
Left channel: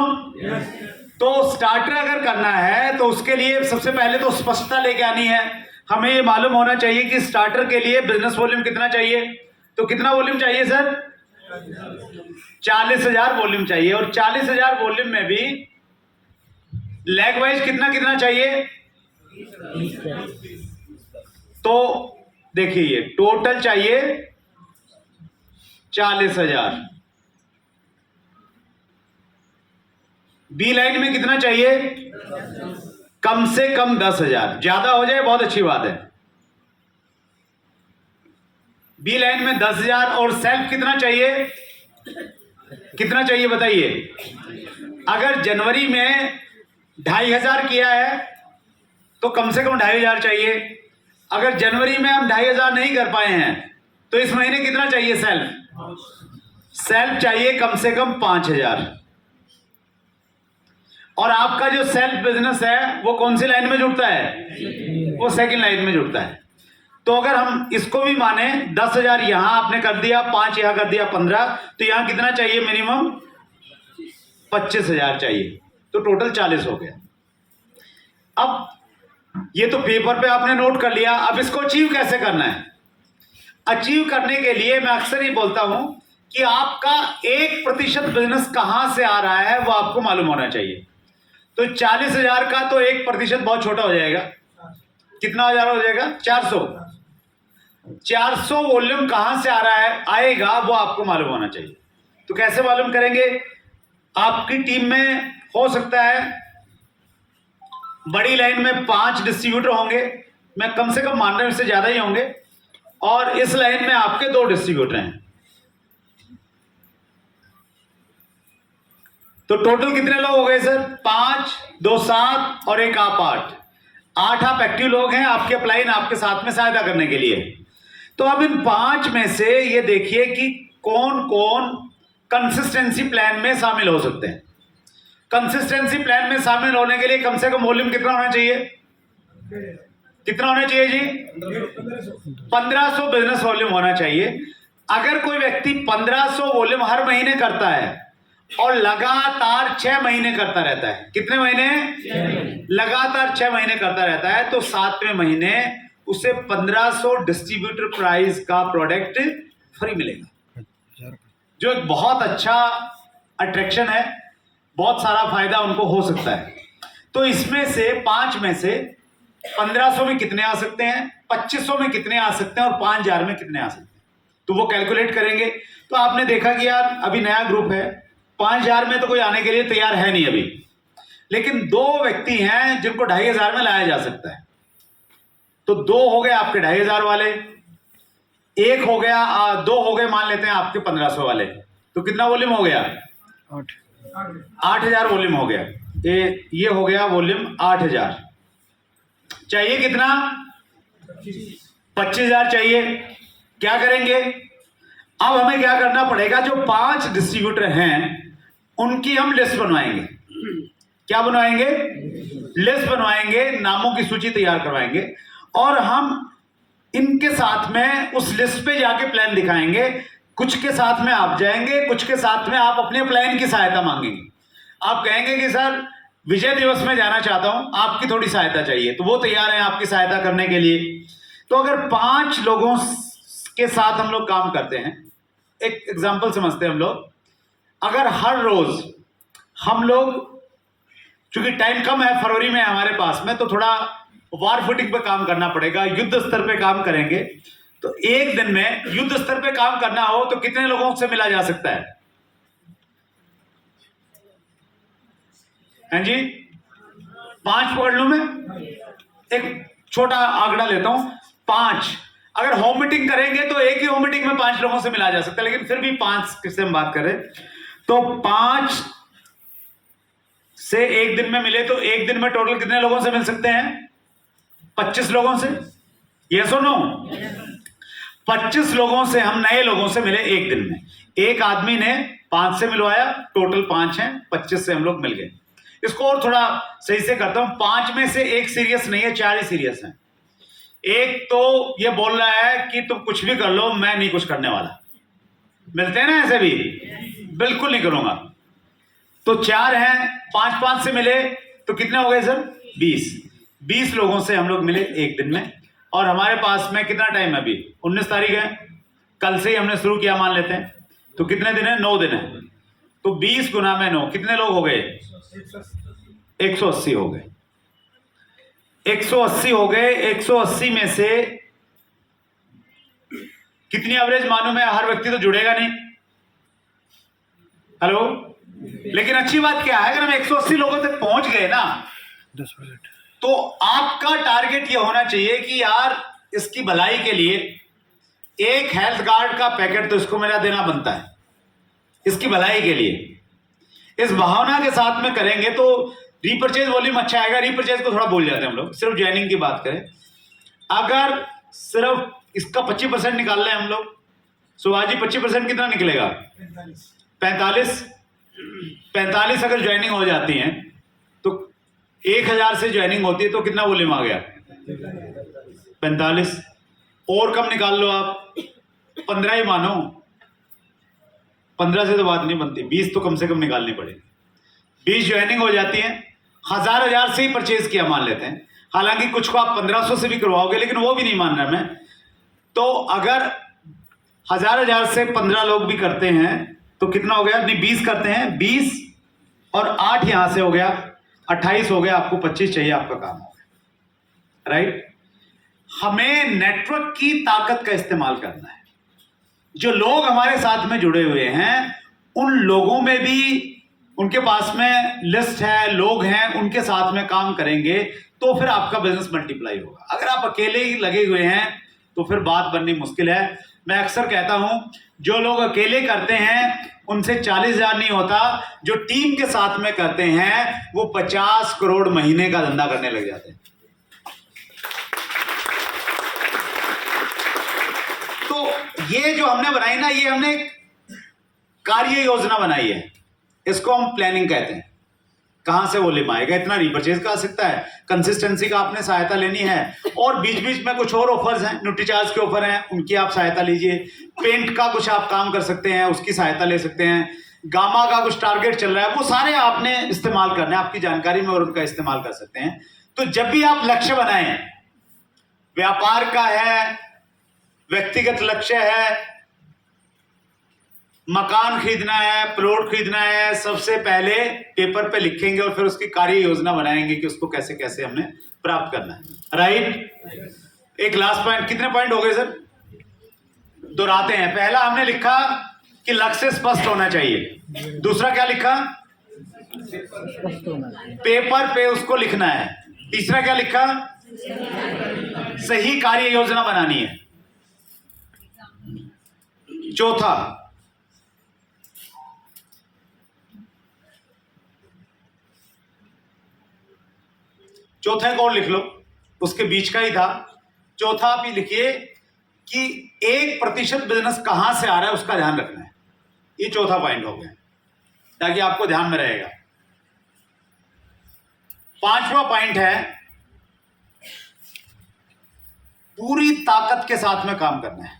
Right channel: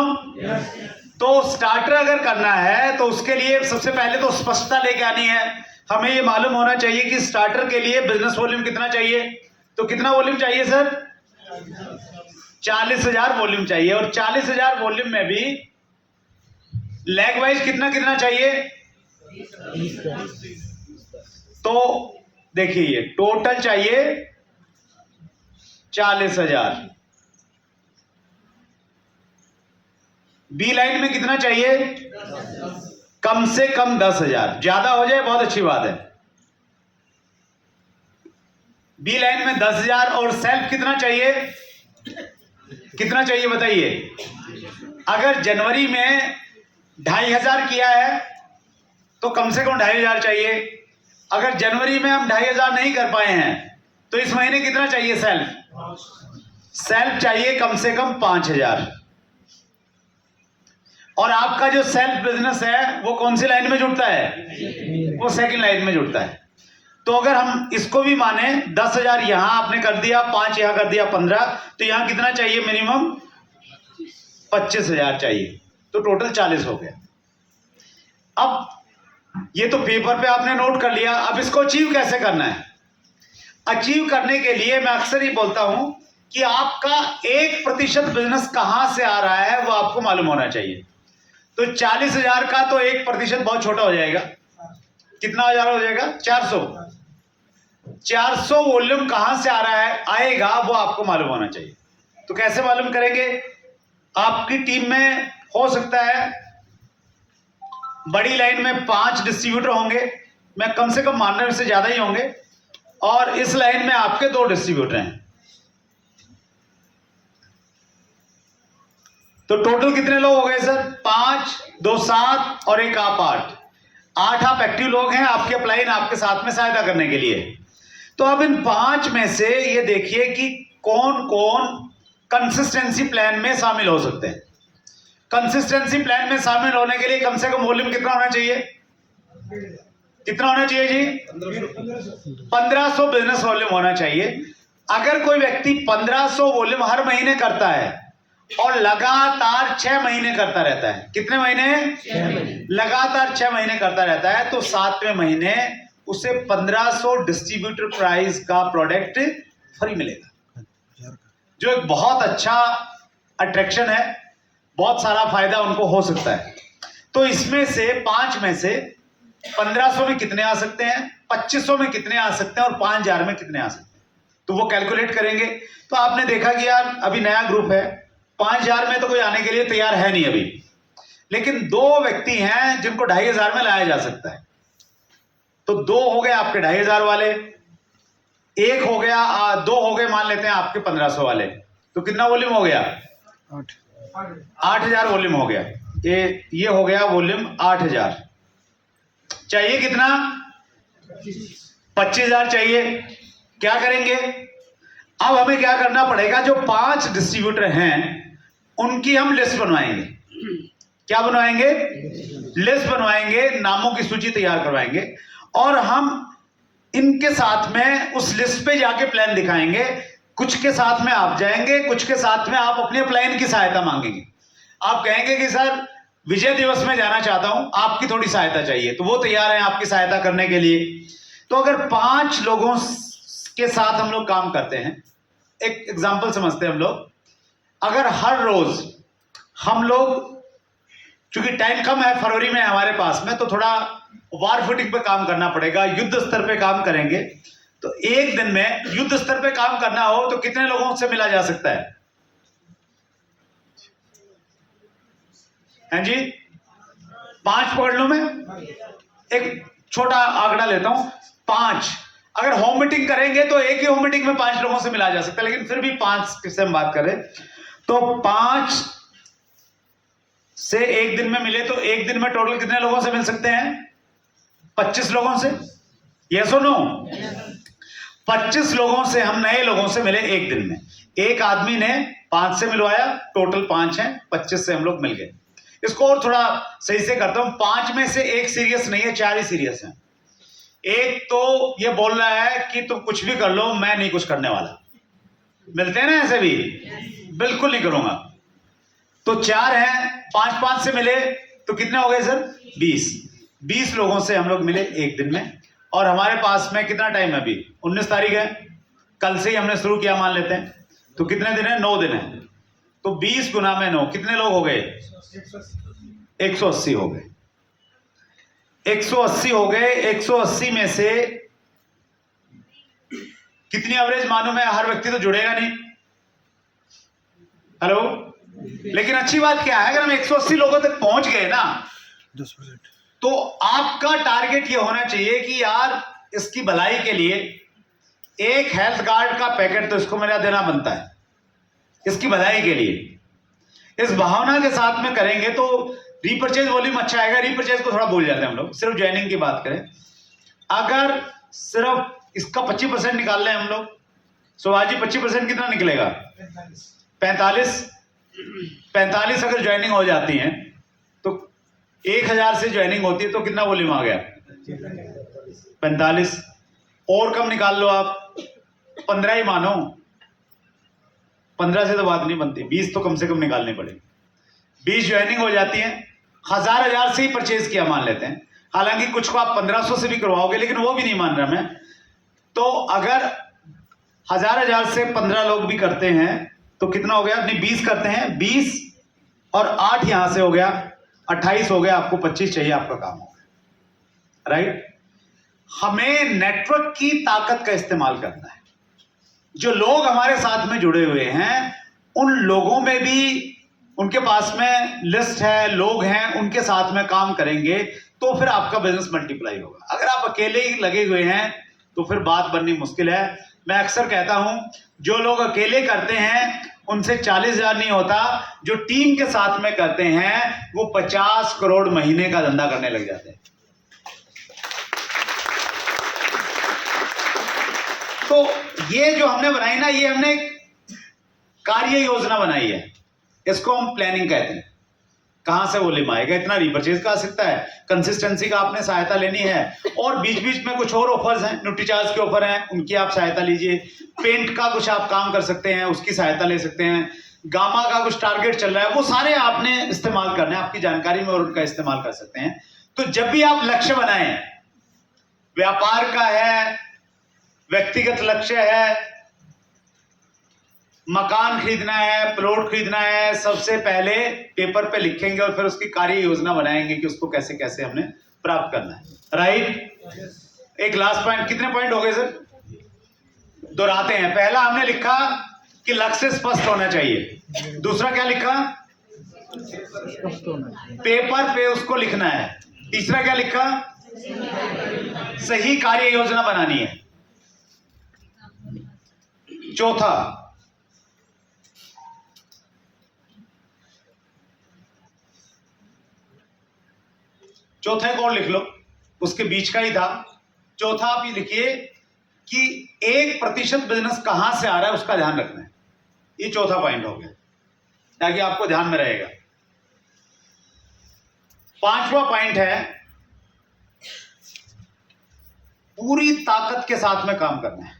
तो स्टार्टर अगर करना है तो उसके लिए सबसे पहले तो स्पष्टता लेके आनी है। हमें ये मालूम होना चाहिए कि स्टार्टर के लिए बिजनेस वॉल्यूम कितना चाहिए। तो कितना वॉल्यूम चाहिए सर? 40,000 वॉल्यूम चाहिए, और 40,000 वॉल्यूम में भी लैग वाइज कितना कितना चाहिए? तो देखिए ये टोटल चाहिए 40,000। बी लाइन में कितना चाहिए? कम से कम 10,000, ज्यादा हो जाए बहुत अच्छी बात है। बी लाइन में 10,000 और सेल्फ कितना चाहिए, कितना चाहिए बताइए। अगर जनवरी में 2,500 किया है तो कम से कम 2,500 चाहिए। अगर जनवरी में हम 2,500 नहीं कर पाए हैं तो इस महीने कितना चाहिए सेल्फ, सेल्फ चाहिए कम से कम 5,000। और आपका जो सेल्फ बिजनेस है वो कौन सी लाइन में जुड़ता है, वो सेकंड लाइन में जुड़ता है। तो अगर हम इसको भी माने 10,000 यहां आपने कर दिया, 5 यहां कर दिया, 15, तो यहां कितना चाहिए मिनिमम 25,000 चाहिए, तो टोटल 40 हो गया। अब ये तो पेपर पे आपने नोट कर लिया, अब इसको अचीव कैसे करना है। अचीव करने के लिए मैं अक्सर ही बोलता हूं कि आपका 1% बिजनेस कहां से आ रहा है वो आपको मालूम होना चाहिए। तो 40,000 का तो 1% बहुत छोटा हो जाएगा, कितना हो जाएगा 400। 400 वॉल्यूम कहां से आ रहा है, आएगा वो आपको मालूम होना चाहिए। तो कैसे मालूम करेंगे, आपकी टीम में हो सकता है बड़ी लाइन में 5 डिस्ट्रीब्यूटर होंगे, मैं कम से कम मान रहा हूं इससे ज्यादा ही होंगे, और इस लाइन में आपके 2 डिस्ट्रीब्यूटर हैं। तो टोटल कितने लोग हो गए सर, 5, 2, 7 और 1 आप 8। 8 आप एक्टिव लोग हैं, आपके अपलाइन आपके साथ में सहायता करने के लिए। तो अब इन 5 में से ये देखिए कि कौन कौन कंसिस्टेंसी प्लान में शामिल हो सकते हैं। कंसिस्टेंसी प्लान में शामिल होने के लिए कम से कम वॉल्यूम कितना होना चाहिए, कितना होना चाहिए जी, 1500 बिजनेस वॉल्यूम होना चाहिए। अगर कोई व्यक्ति 1500 वॉल्यूम हर महीने करता है और लगातार 6 महीने करता रहता है, कितने महीने, लगातार 6 महीने करता रहता है, तो 7वें महीने उसे 1500 डिस्ट्रीब्यूटर प्राइस का प्रोडक्ट फ्री मिलेगा, जो एक बहुत अच्छा अट्रैक्शन है, बहुत सारा फायदा उनको हो सकता है। तो इसमें से 5 में से 1500 में कितने आ सकते हैं, 2500 में कितने आ सकते हैं और 5,000 में कितने आ सकते हैं, तो वो कैलकुलेट करेंगे। तो आपने देखा कि यार अभी नया ग्रुप है, 5,000 में तो कोई आने के लिए तैयार है नहीं अभी, लेकिन 2 व्यक्ति हैं जिनको 2,500 में लाया जा सकता है। तो 2 हो गए आपके 2,500 वाले, 1 हो गया, 2 हो गए मान लेते हैं आपके 1500 वाले, तो कितना वॉल्यूम हो गया, 8,000 वॉल्यूम हो गया। ये हो गया वॉल्यूम 8,000। चाहिए कितना, 25,000 चाहिए। क्या करेंगे, अब हमें क्या करना पड़ेगा, जो 5 डिस्ट्रीब्यूटर हैं उनकी हम लिस्ट बनवाएंगे। क्या बनवाएंगे, लिस्ट बनवाएंगे, नामों की सूची तैयार करवाएंगे, और हम इनके साथ में उस लिस्ट पे जाके प्लान दिखाएंगे। कुछ के साथ में आप जाएंगे, कुछ के साथ में आप अपने प्लान की सहायता मांगेंगे। आप कहेंगे कि सर विजय दिवस में जाना चाहता हूं, आपकी थोड़ी सहायता चाहिए, तो वो तैयार है आपकी सहायता करने के लिए। तो अगर 5 लोगों के साथ हम लोग काम करते हैं, एक एग्जांपल समझते हैं हम लोग, अगर हर रोज हम लोग, चूंकि टाइम कम है, फरवरी में हमारे पास में, तो थोड़ा वार फुटिंग पे काम करना पड़ेगा, युद्ध स्तर पे काम करेंगे। तो एक दिन में युद्ध स्तर पे काम करना हो तो कितने लोगों से मिला जा सकता है, हैं जी, 5 पकड़ लूं मैं, एक छोटा आंकड़ा लेता हूं, 5। अगर होम मीटिंग करेंगे तो एक ही होम मीटिंग में 5 लोगों से मिला जा सकता है, लेकिन फिर भी 5 किससे हम बात करें, तो 5 से एक दिन में मिले तो एक दिन में टोटल कितने लोगों से मिल सकते हैं, 25 लोगों से। यस और नो, 25 लोगों से हम नए लोगों से मिले एक दिन में। एक आदमी ने 5 से मिलवाया, टोटल 5 हैं, 25 से हम लोग मिल गए। इसको और थोड़ा सही से करता हूं, 5 में से एक सीरियस नहीं है, 4 ही सीरियस हैं। एक तो ये बोल रहा है कि तुम कुछ भी कर लो, मैं नहीं कुछ करने वाला। मिलते हैं ना ऐसे भी, बिल्कुल नहीं करूंगा। तो 4 हैं, 5 से मिले तो कितने हो गए सर, 20 लोगों से हम लोग मिले एक दिन में। और हमारे पास में कितना टाइम है, अभी 19 तारीख है, कल से ही हमने शुरू किया मान लेते हैं, तो कितने दिन है, 9 दिन है। तो 20 गुना में 9 कितने लोग हो गए, 180 हो गए। 180 हो गए। 180 में से कितनी एवरेज मालूम है, हर व्यक्ति तो जुड़ेगा नहीं, हेलो, लेकिन अच्छी बात क्या है, अगर हम 180 लोगों तक पहुंच गए ना, तो आपका टारगेट ये होना चाहिए कि यार इसकी भलाई के लिए एक हेल्थ कार्ड का पैकेट तो इसको मेरा देना बनता है, इसकी भलाई के लिए। इस भावना के साथ में करेंगे तो रीपरचेज वॉल्यूम अच्छा आएगा। रीपरचेज को थोड़ा भूल जाते हैं हम लोग, सिर्फ ज्वाइनिंग की बात करें। अगर सिर्फ इसका 25% निकाल लें हम लोग, सुभाष जी 25% कितना निकलेगा? 45 अगर ज्वाइनिंग हो जाती है तो 1000 से ज्वाइनिंग होती है तो कितना वॉल्यूम आ गया? 45। और कम निकाल लो आप, 15 ही मानो, 15 से तो बात नहीं बनती, 20 तो कम से कम निकालनी पड़ेगी। 20 ज्वाइनिंग हो जाती है, 1000 से ही परचेज किया मान लेते हैं। हालांकि कुछ को आप 1500 से भी करवाओगे, लेकिन वो भी नहीं मान रहा मैं। तो अगर 1000 से 15 लोग भी करते हैं तो कितना हो गया? नहीं, 20 करते हैं, 20 और 8 यहां से हो गया, 28 हो गया। आपको 25 चाहिए, आपका काम हो गया, राइट? हमें नेटवर्क की ताकत का इस्तेमाल करना है। जो लोग हमारे साथ में जुड़े हुए हैं, उन लोगों में भी उनके पास में लिस्ट है, लोग हैं, उनके साथ में काम करेंगे तो फिर आपका बिजनेस मल्टीप्लाई होगा। अगर आप अकेले ही लगे हुए हैं तो फिर बात बननी मुश्किल है। मैं अक्सर कहता हूं, जो लोग अकेले करते हैं उनसे 40,000 नहीं होता, जो टीम के साथ में करते हैं वो 50 करोड़ महीने का धंधा करने लग जाते हैं। तो ये जो हमने बनाई ना, ये हमने कार्य योजना बनाई है, इसको हम प्लानिंग कहते हैं। कहां से वॉल्यूम आएगा, इतना रीपरचेज का आ सकता है, कंसिस्टेंसी का आपने सहायता लेनी है, और बीच बीच में कुछ और ऑफर्स हैं, न्यूट्रीचार्ज के ऑफर हैं, उनकी आप सहायता लीजिए। पेंट का कुछ आप काम कर सकते हैं, उसकी सहायता ले सकते हैं। गामा का कुछ टारगेट चल रहा है, वो सारे आपने इस्तेमाल करने हैं आपकी जानकारी में, और उनका इस्तेमाल कर सकते हैं। तो जब भी आप लक्ष्य बनाएं, व्यापार का है, व्यक्तिगत लक्ष्य है, मकान खरीदना है, प्लॉट खरीदना है, सबसे पहले पेपर पे लिखेंगे और फिर उसकी कार्य योजना बनाएंगे कि उसको कैसे कैसे हमने प्राप्त करना है, राइट? एक लास्ट पॉइंट, कितने पॉइंट हो गए सर? दोहराते हैं। पहला हमने लिखा कि लक्ष्य स्पष्ट होना चाहिए। दूसरा क्या लिखा? पेपर पे उसको लिखना है। तीसरा क्या लिखा? सही कार्य योजना बनानी है। चौथा एक और लिख लो, उसके बीच का ही था। चौथा आप ये लिखिए कि 1% बिजनेस कहां से आ रहा है उसका ध्यान रखना है। ये चौथा पॉइंट हो गया, ताकि आपको ध्यान में रहेगा। 5वां पॉइंट है पूरी ताकत के साथ में काम करना है।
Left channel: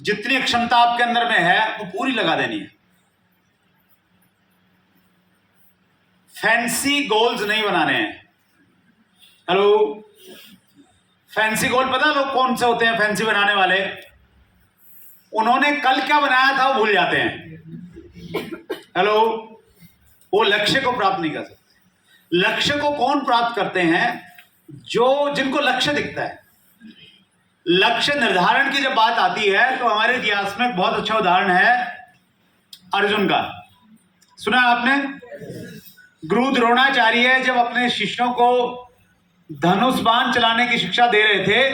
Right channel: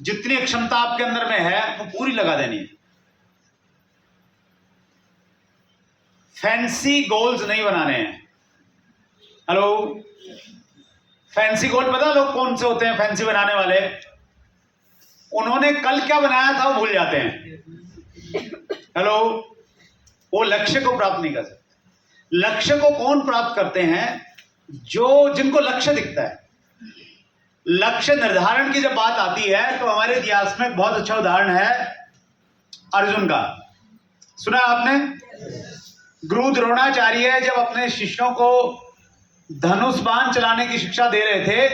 जितनी क्षमता आपके अंदर में है वो पूरी लगा देनी है। फैंसी गोल्स नहीं बनाने हैं। हेलो, फैंसी गोल पता लोग कौन से होते हैं? फैंसी बनाने वाले, उन्होंने कल क्या बनाया था वो भूल जाते हैं। हेलो, वो लक्ष्य को प्राप्त नहीं कर सकते। लक्ष्य को कौन प्राप्त करते हैं? जिनको लक्ष्य दिखता है। लक्ष्य निर्धारण की जब बात आती है तो हमारे इतिहास में बहुत अच्छा उदाहरण है अर्जुन का। सुना आपने? गुरु द्रोणाचार्य जब अपने शिष्यों को धनुष बाण चलाने की शिक्षा दे रहे थे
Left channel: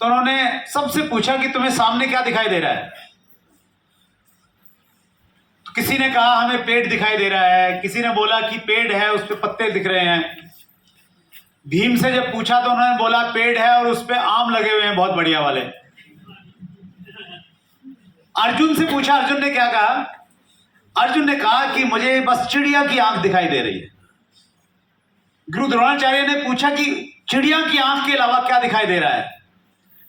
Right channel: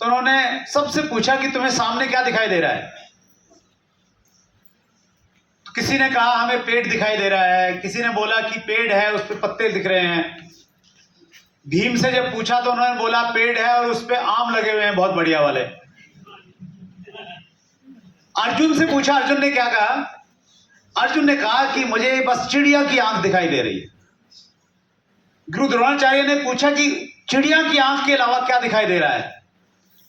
तो उन्होंने सबसे पूछा कि तुम्हें सामने क्या दिखाई दे रहा है? तो किसी ने कहा हमें पेड़ दिखाई दे रहा है, किसी ने बोला कि पेड़ है उस पे पत्ते दिख रहे हैं। भीम से जब पूछा तो उन्होंने बोला पेड़ है और उस पे आम लगे हुए हैं बहुत बढ़िया वाले। अर्जुन से पूछा, अर्जुन ने क्या कहा? अर्जुन ने कहा कि मुझे बस चिड़िया की आंख दिखाई दे रही है। गुरु द्रोणाचार्य ने पूछा कि चिड़िया की आंख के अलावा क्या दिखाई दे रहा है?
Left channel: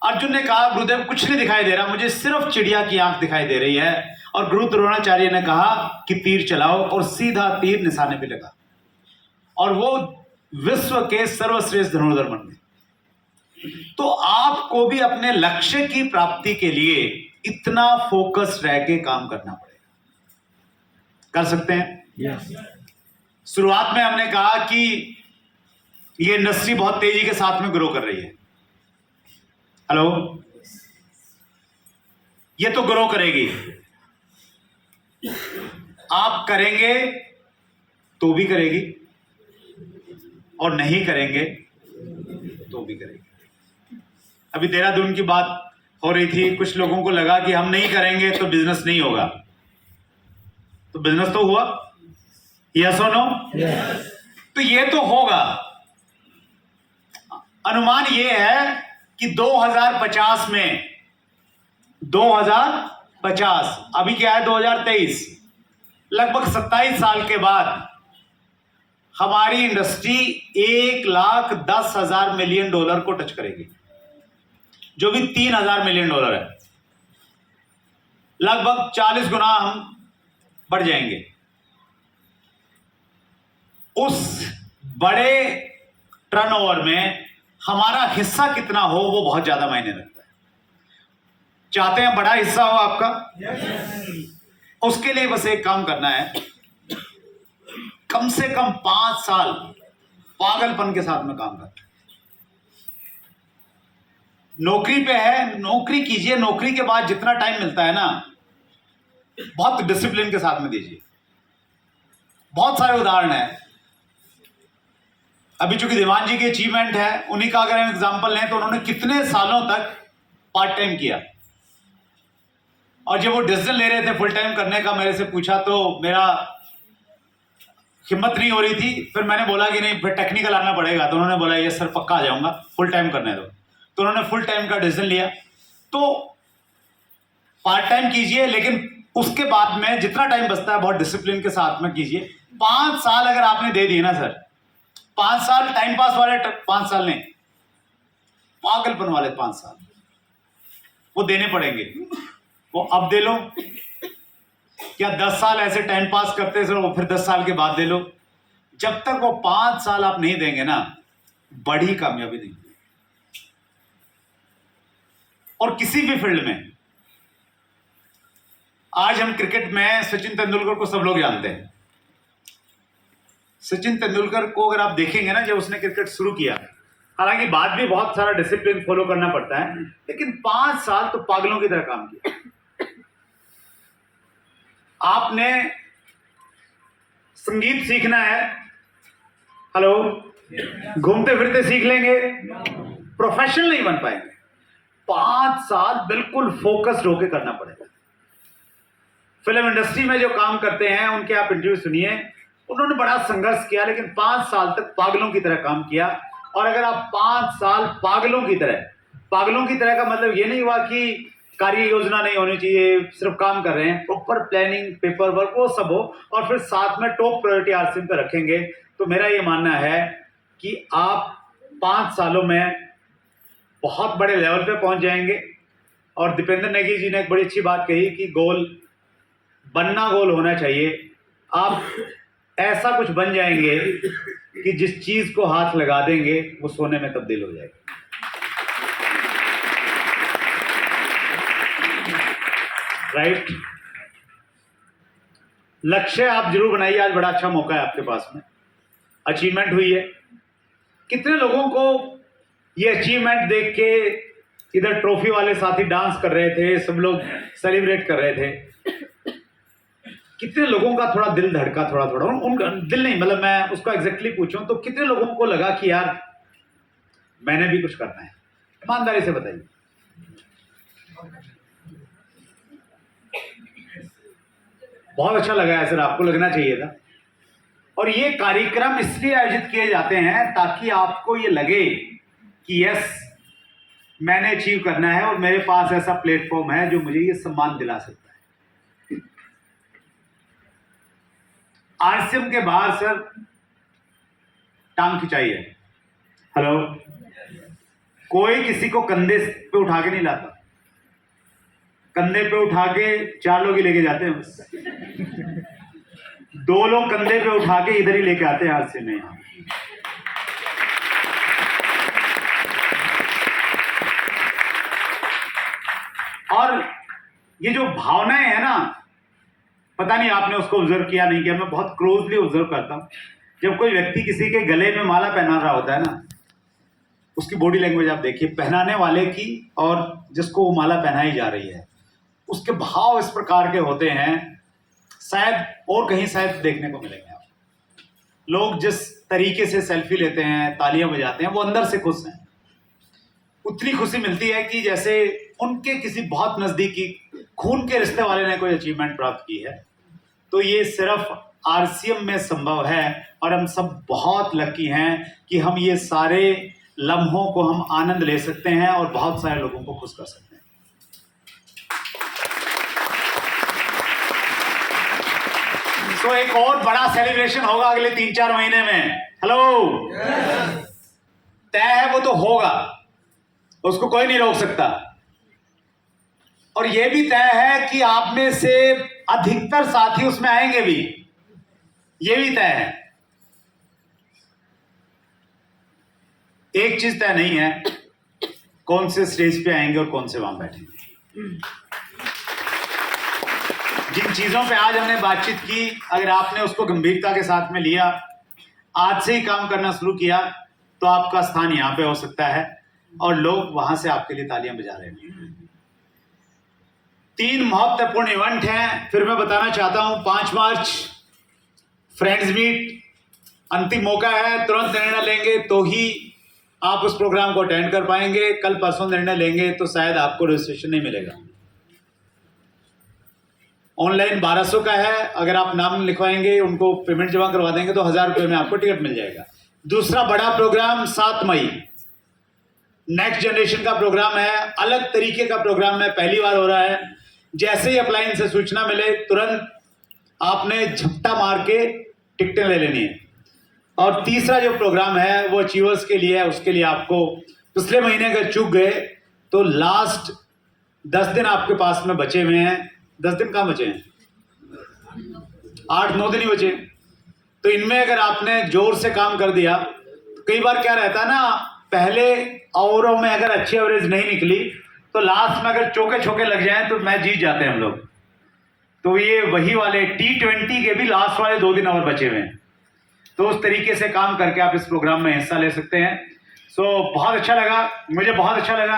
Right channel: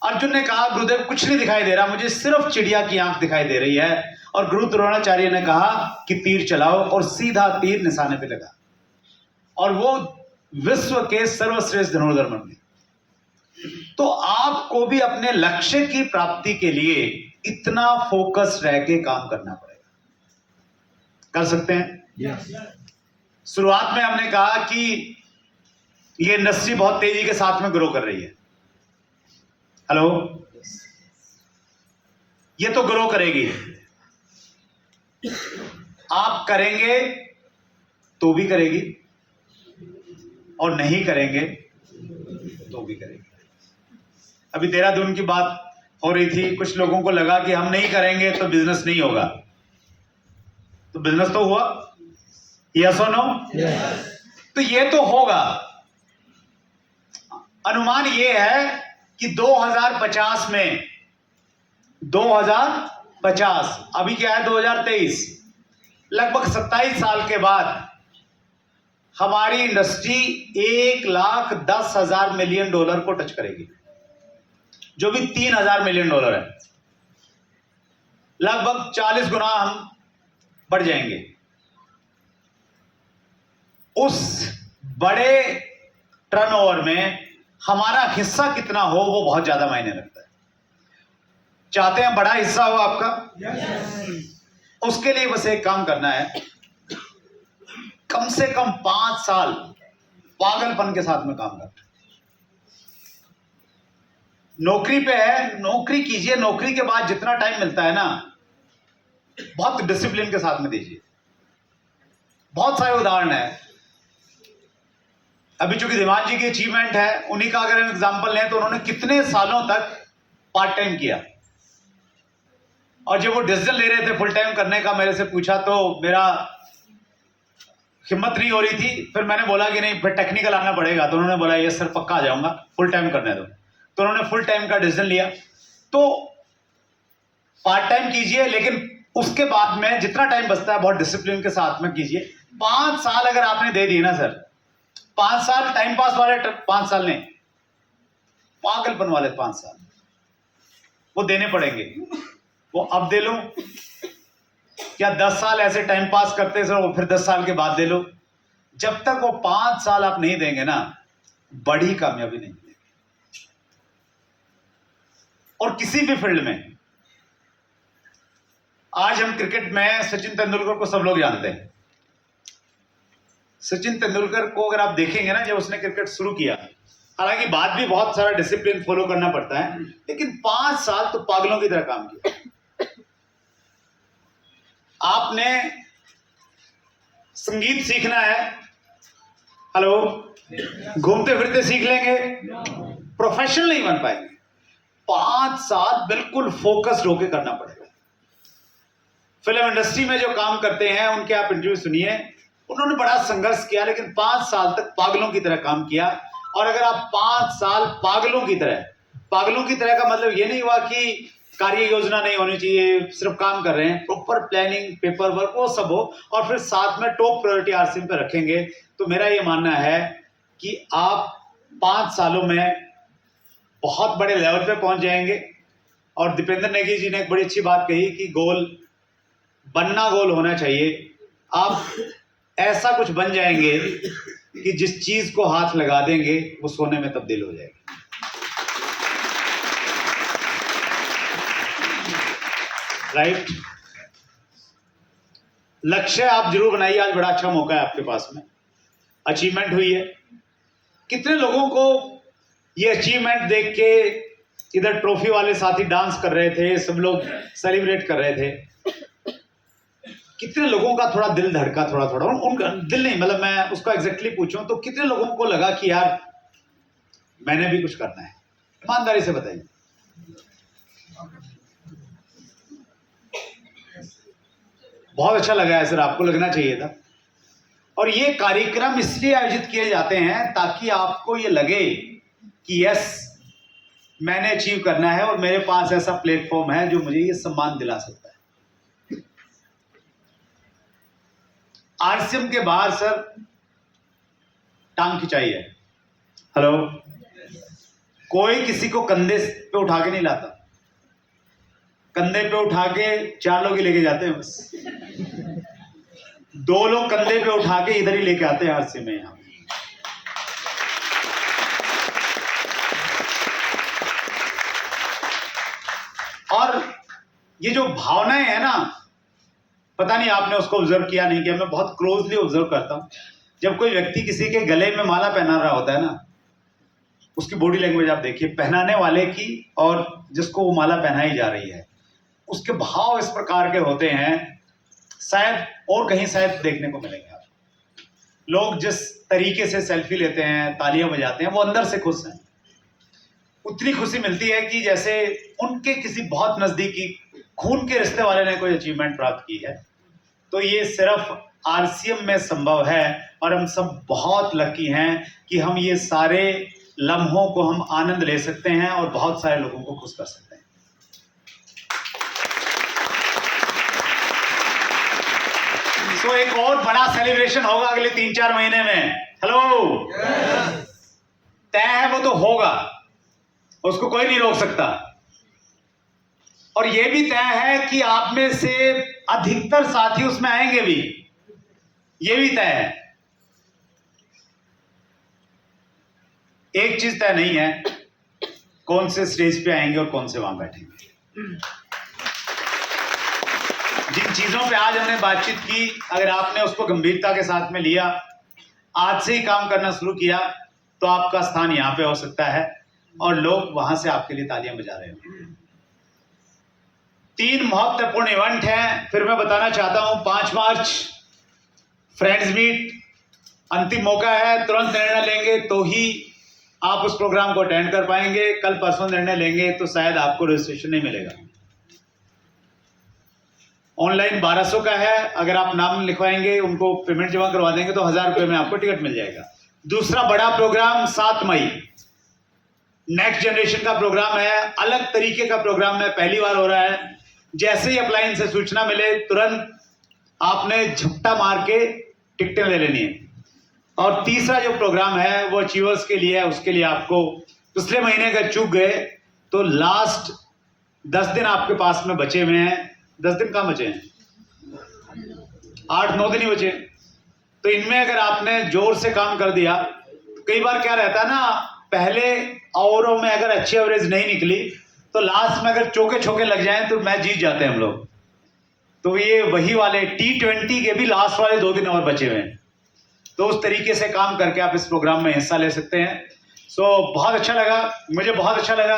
अर्जुन ने कहा गुरुदेव कुछ नहीं दिखाई दे रहा, मुझे सिर्फ चिड़िया की आंख दिखाई दे रही है। और गुरु द्रोणाचार्य ने कहा कि तीर चलाओ, और सीधा तीर निशाने पे लगा और वो विश्व के सर्वश्रेष्ठ धनुर्धर बन गए। तो आपको भी अपने लक्ष्य की प्राप्ति के लिए इतना फोकस रह के काम करना पड़ेगा। कर सकते हैं? yes. शुरुआत में हमने कहा कि ये इंडस्ट्री बहुत तेजी के साथ में ग्रो कर रही है। हेलो, ये तो ग्रो करेगी, आप करेंगे तो भी करेगी, और नहीं करेंगे तो भी करेंगे। अभी देहरादून की बात हो रही थी, कुछ लोगों को लगा कि हम नहीं करेंगे तो बिजनेस नहीं होगा, तो बिजनेस तो हुआ, यस और नो? तो ये तो होगा। अनुमान ये है कि 2050 में, 2050, अभी क्या है 2023, लगभग 27 साल के बाद हमारी इंडस्ट्री 1,10,000 मिलियन डॉलर को टच करेगी, जो भी 3,000 मिलियन डॉलर है। लगभग 40 गुना हम बढ़ जाएंगे। उस बड़े टर्नओवर में हमारा हिस्सा कितना हो वो बहुत ज्यादा मायने रखता है। चाहते हैं बड़ा हिस्सा हो आपका? उसके लिए बस एक काम करना है, कम से कम 5 साल पागलपन के साथ में काम करना। नौकरी पे है, नौकरी कीजिए, नौकरी के बाद जितना टाइम मिलता है ना, बहुत डिसिप्लिन के साथ में दीजिए। बहुत सारे उदाहरण है। अभी चूंकि धीमान जी की अचीवमेंट है, उन्हीं का अगर हम एग्जांपल लें तो उन्होंने कितने सालों तक पार्ट टाइम किया, और जब वो डिसीजन ले रहे थे फुल टाइम करने का, मेरे से पूछा तो मेरा हिम्मत नहीं हो रही थी। फिर मैंने बोला कि नहीं, फिर टेक्निकल आना पड़ेगा। तो उन्होंने बोला ये सर पक्का आ जाऊंगा, फुल टाइम करने दो। तो उन्होंने फुल टाइम का डिसीजन लिया। तो पार्ट टाइम कीजिए, लेकिन उसके बाद में जितना टाइम बचता है बहुत डिसिप्लिन के साथ में कीजिए। 5 साल अगर आपने दे दिए ना सर, 5 साल टाइम पास वाले 5 साल नहीं, पागलपन वाले 5 साल वो देने पड़ेंगे। वो अब दे लो, क्या 10 साल ऐसे टाइम पास करते सर, वो फिर 10 साल के बाद दे लो। जब तक वो 5 साल आप नहीं देंगे ना, बड़ी कामयाबी नहीं मिलेगी। और किसी भी फील्ड में, आज हम क्रिकेट में सचिन तेंदुलकर को सब लोग जानते हैं। सचिन तेंदुलकर को अगर आप देखेंगे ना, जब उसने क्रिकेट शुरू किया, हालांकि बाद भी बहुत सारा डिसिप्लिन फॉलो करना पड़ता है, लेकिन 5 साल तो पागलों की तरह काम किया। आपने संगीत सीखना है, हेलो, घूमते फिरते सीख लेंगे, प्रोफेशनल नहीं बन पाएंगे। 5 साल बिल्कुल फोकस्ड होकर करना पड़ेगा। फिल्म इंडस्ट्री में जो काम करते हैं उनके आप इंटरव्यू सुनिए, उन्होंने बड़ा संघर्ष किया, लेकिन 5 साल तक पागलों की तरह काम किया। और अगर आप 5 साल पागलों की तरह का मतलब ये नहीं हुआ कि कार्य योजना नहीं होनी चाहिए, सिर्फ काम कर रहे हैं, प्रॉपर प्लानिंग, पेपर वर्क वो सब हो, और फिर साथ में टॉप प्रायोरिटी आरसीएम पे रखेंगे, तो मेरा ये मानना है कि आप 5 सालों में बहुत बड़े लेवल पे पहुंच जाएंगे। और दीपेंद्र नेगी जी ने एक बड़ी अच्छी बात कही कि गोल बनना, गोल होना चाहिए। आप ऐसा कुछ बन जाएंगे कि जिस चीज को हाथ लगा देंगे वो सोने में तब्दील हो जाएगी। राइट? लक्ष्य आप जरूर बनाइए। आज बड़ा अच्छा मौका है आपके पास में, अचीवमेंट हुई है। कितने लोगों को ये अचीवमेंट देख के, इधर ट्रॉफी वाले साथी डांस कर रहे थे, सब लोग सेलिब्रेट कर रहे थे, कितने लोगों का थोड़ा दिल धड़का, थोड़ा उनका दिल नहीं, मतलब मैं उसको एग्जैक्टली पूछूं तो कितने लोगों को लगा कि यार मैंने भी कुछ करना है? ईमानदारी से बताइए। बहुत अच्छा लगा है सर, आपको लगना चाहिए था। और ये कार्यक्रम इसलिए आयोजित किए जाते हैं ताकि आपको ये लगे कि यस, मैंने अचीव करना है और मेरे पास ऐसा प्लेटफॉर्म है जो मुझे ये सम्मान दिला सकता है। आरसीएम के बाहर सर टांग खिंचाई है। हेलो, कोई किसी को कंधे पे उठा के नहीं लाता, कंधे पे उठा के 4 लोग ही लेके जाते हैं बस। 2 लोग कंधे पे उठा के इधर ही लेके आते हैं आरसीएम में। यहां और ये जो भावनाएं है ना, पता नहीं आपने उसको ऑब्जर्व किया नहीं किया, मैं बहुत क्लोजली ऑब्जर्व करता हूं। जब कोई व्यक्ति किसी के गले में माला पहना रहा होता है ना, उसकी बॉडी लैंग्वेज आप देखिए, पहनाने वाले की और जिसको वो माला पहनाई जा रही है, उसके भाव इस प्रकार के होते हैं, शायद और कहीं शायद देखने को मिलेंगे आप। लोग जिस तरीके से सेल्फी लेते हैं, तालियां बजाते हैं, वो अंदर से खुश हैं। उतनी खुशी मिलती है कि जैसे उनके किसी बहुत नज़दीकी खून के रिश्ते वाले ने कोई अचीवमेंट प्राप्त की है। तो ये सिर्फ आरसीएम में संभव है और हम सब बहुत लकी हैं कि हम ये सारे लम्हों को हम आनंद ले सकते हैं और बहुत सारे लोगों को खुश कर सकते हैं। तो एक और बड़ा सेलिब्रेशन होगा अगले 3-4 महीने में। हेलो, तय है, वो तो होगा, उसको कोई नहीं रोक सकता। और यह भी तय है कि आप में से अधिकतर साथी उसमें आएंगे भी, यह भी तय है। एक चीज तय नहीं है, कौन से स्टेज पे आएंगे और कौन से वहां बैठेंगे। जिन चीजों पे आज हमने बातचीत की, अगर आपने उसको गंभीरता के साथ में लिया, आज से ही काम करना शुरू किया, तो आपका स्थान यहां पे हो सकता है और लोग वहां से आपके लिए तालियां बजा रहे हैं। 3 महत्वपूर्ण इवेंट हैं, फिर मैं बताना चाहता हूं। 5 मार्च फ्रेंड्स मीट, अंतिम मौका है, तुरंत निर्णय लेंगे तो ही आप उस प्रोग्राम को अटेंड कर पाएंगे। कल परसों निर्णय लेंगे तो शायद आपको रजिस्ट्रेशन नहीं मिलेगा। ऑनलाइन 1200 का है, अगर आप नाम लिखवाएंगे, उनको पेमेंट जमा करवा देंगे तो 1000 रुपये में आपको टिकट मिल जाएगा। दूसरा बड़ा प्रोग्राम 7 मई, नेक्स्ट जनरेशन का प्रोग्राम है, अलग तरीके का प्रोग्राम है, पहली बार हो रहा है। जैसे ही अपलाइन से सूचना मिले, तुरंत आपने झपटा मार के टिकटें ले लेनी है। और तीसरा जो प्रोग्राम है वो अचीवर्स के लिए है, उसके लिए आपको पिछले महीने अगर चूक गए तो लास्ट 10 दिन आपके पास में बचे हुए हैं। 10 दिन कहाँ बचे हैं? 8-9 दिन ही बचे। तो इनमें अगर आपने जोर से काम कर दिया, तो कई बार क्या रहता है ना, पहले ओवरों में अगर अच्छी एवरेज नहीं निकली तो लास्ट में अगर चौके छोके लग जाएं तो मैच जीत जाते हैं हम लोग। तो ये वही वाले T20 के भी लास्ट वाले 2 दिन और बचे हुए हैं। तो उस तरीके से काम करके आप इस प्रोग्राम में हिस्सा ले सकते हैं। सो बहुत अच्छा लगा, मुझे बहुत अच्छा लगा।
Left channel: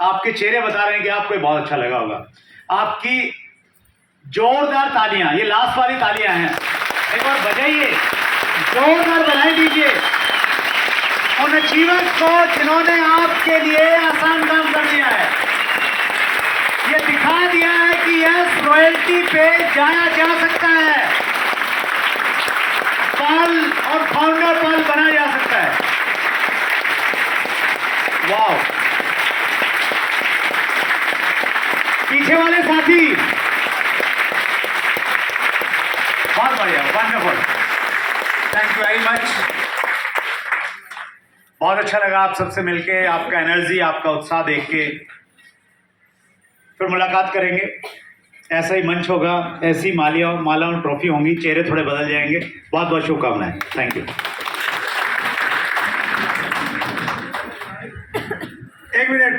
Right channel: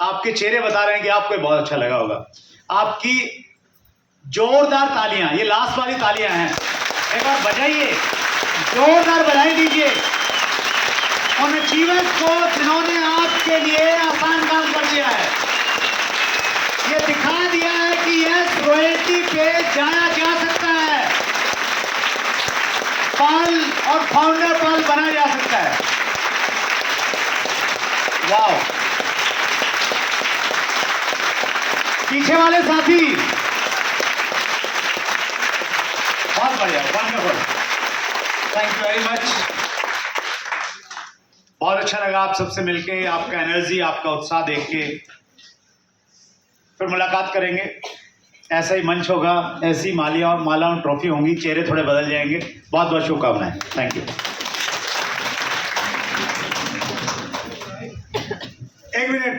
आपके चेहरे बता रहे हैं कि आपको बहुत अच्छा लगा होगा। आपकी जोरदार तालियां, ये लास्ट वाली तालियां हैं, एक बार बजाइए, जोरदार बधाई दीजिए उन अचीवर्स को जिन्होंने आपके लिए आसान काम कर दिया है। ये दिखा दिया है कि यस, रॉयल्टी पे जाया जा सकता है, पल और फाउंडर पल बना जा सकता है। वाओ, पीछे वाले साथी बहुत बढ़िया, wonderful, thank you very much. बहुत अच्छा लगा आप सबसे मिलके, आपका एनर्जी, आपका उत्साह देख के। फिर मुलाकात करेंगे, ऐसा ही मंच होगा, ऐसी मालाओं ट्रॉफी होंगी, चेहरे थोड़े बदल जाएंगे। बहुत बहुत शुभकामनाएं, थैंक यू। एक मिनट।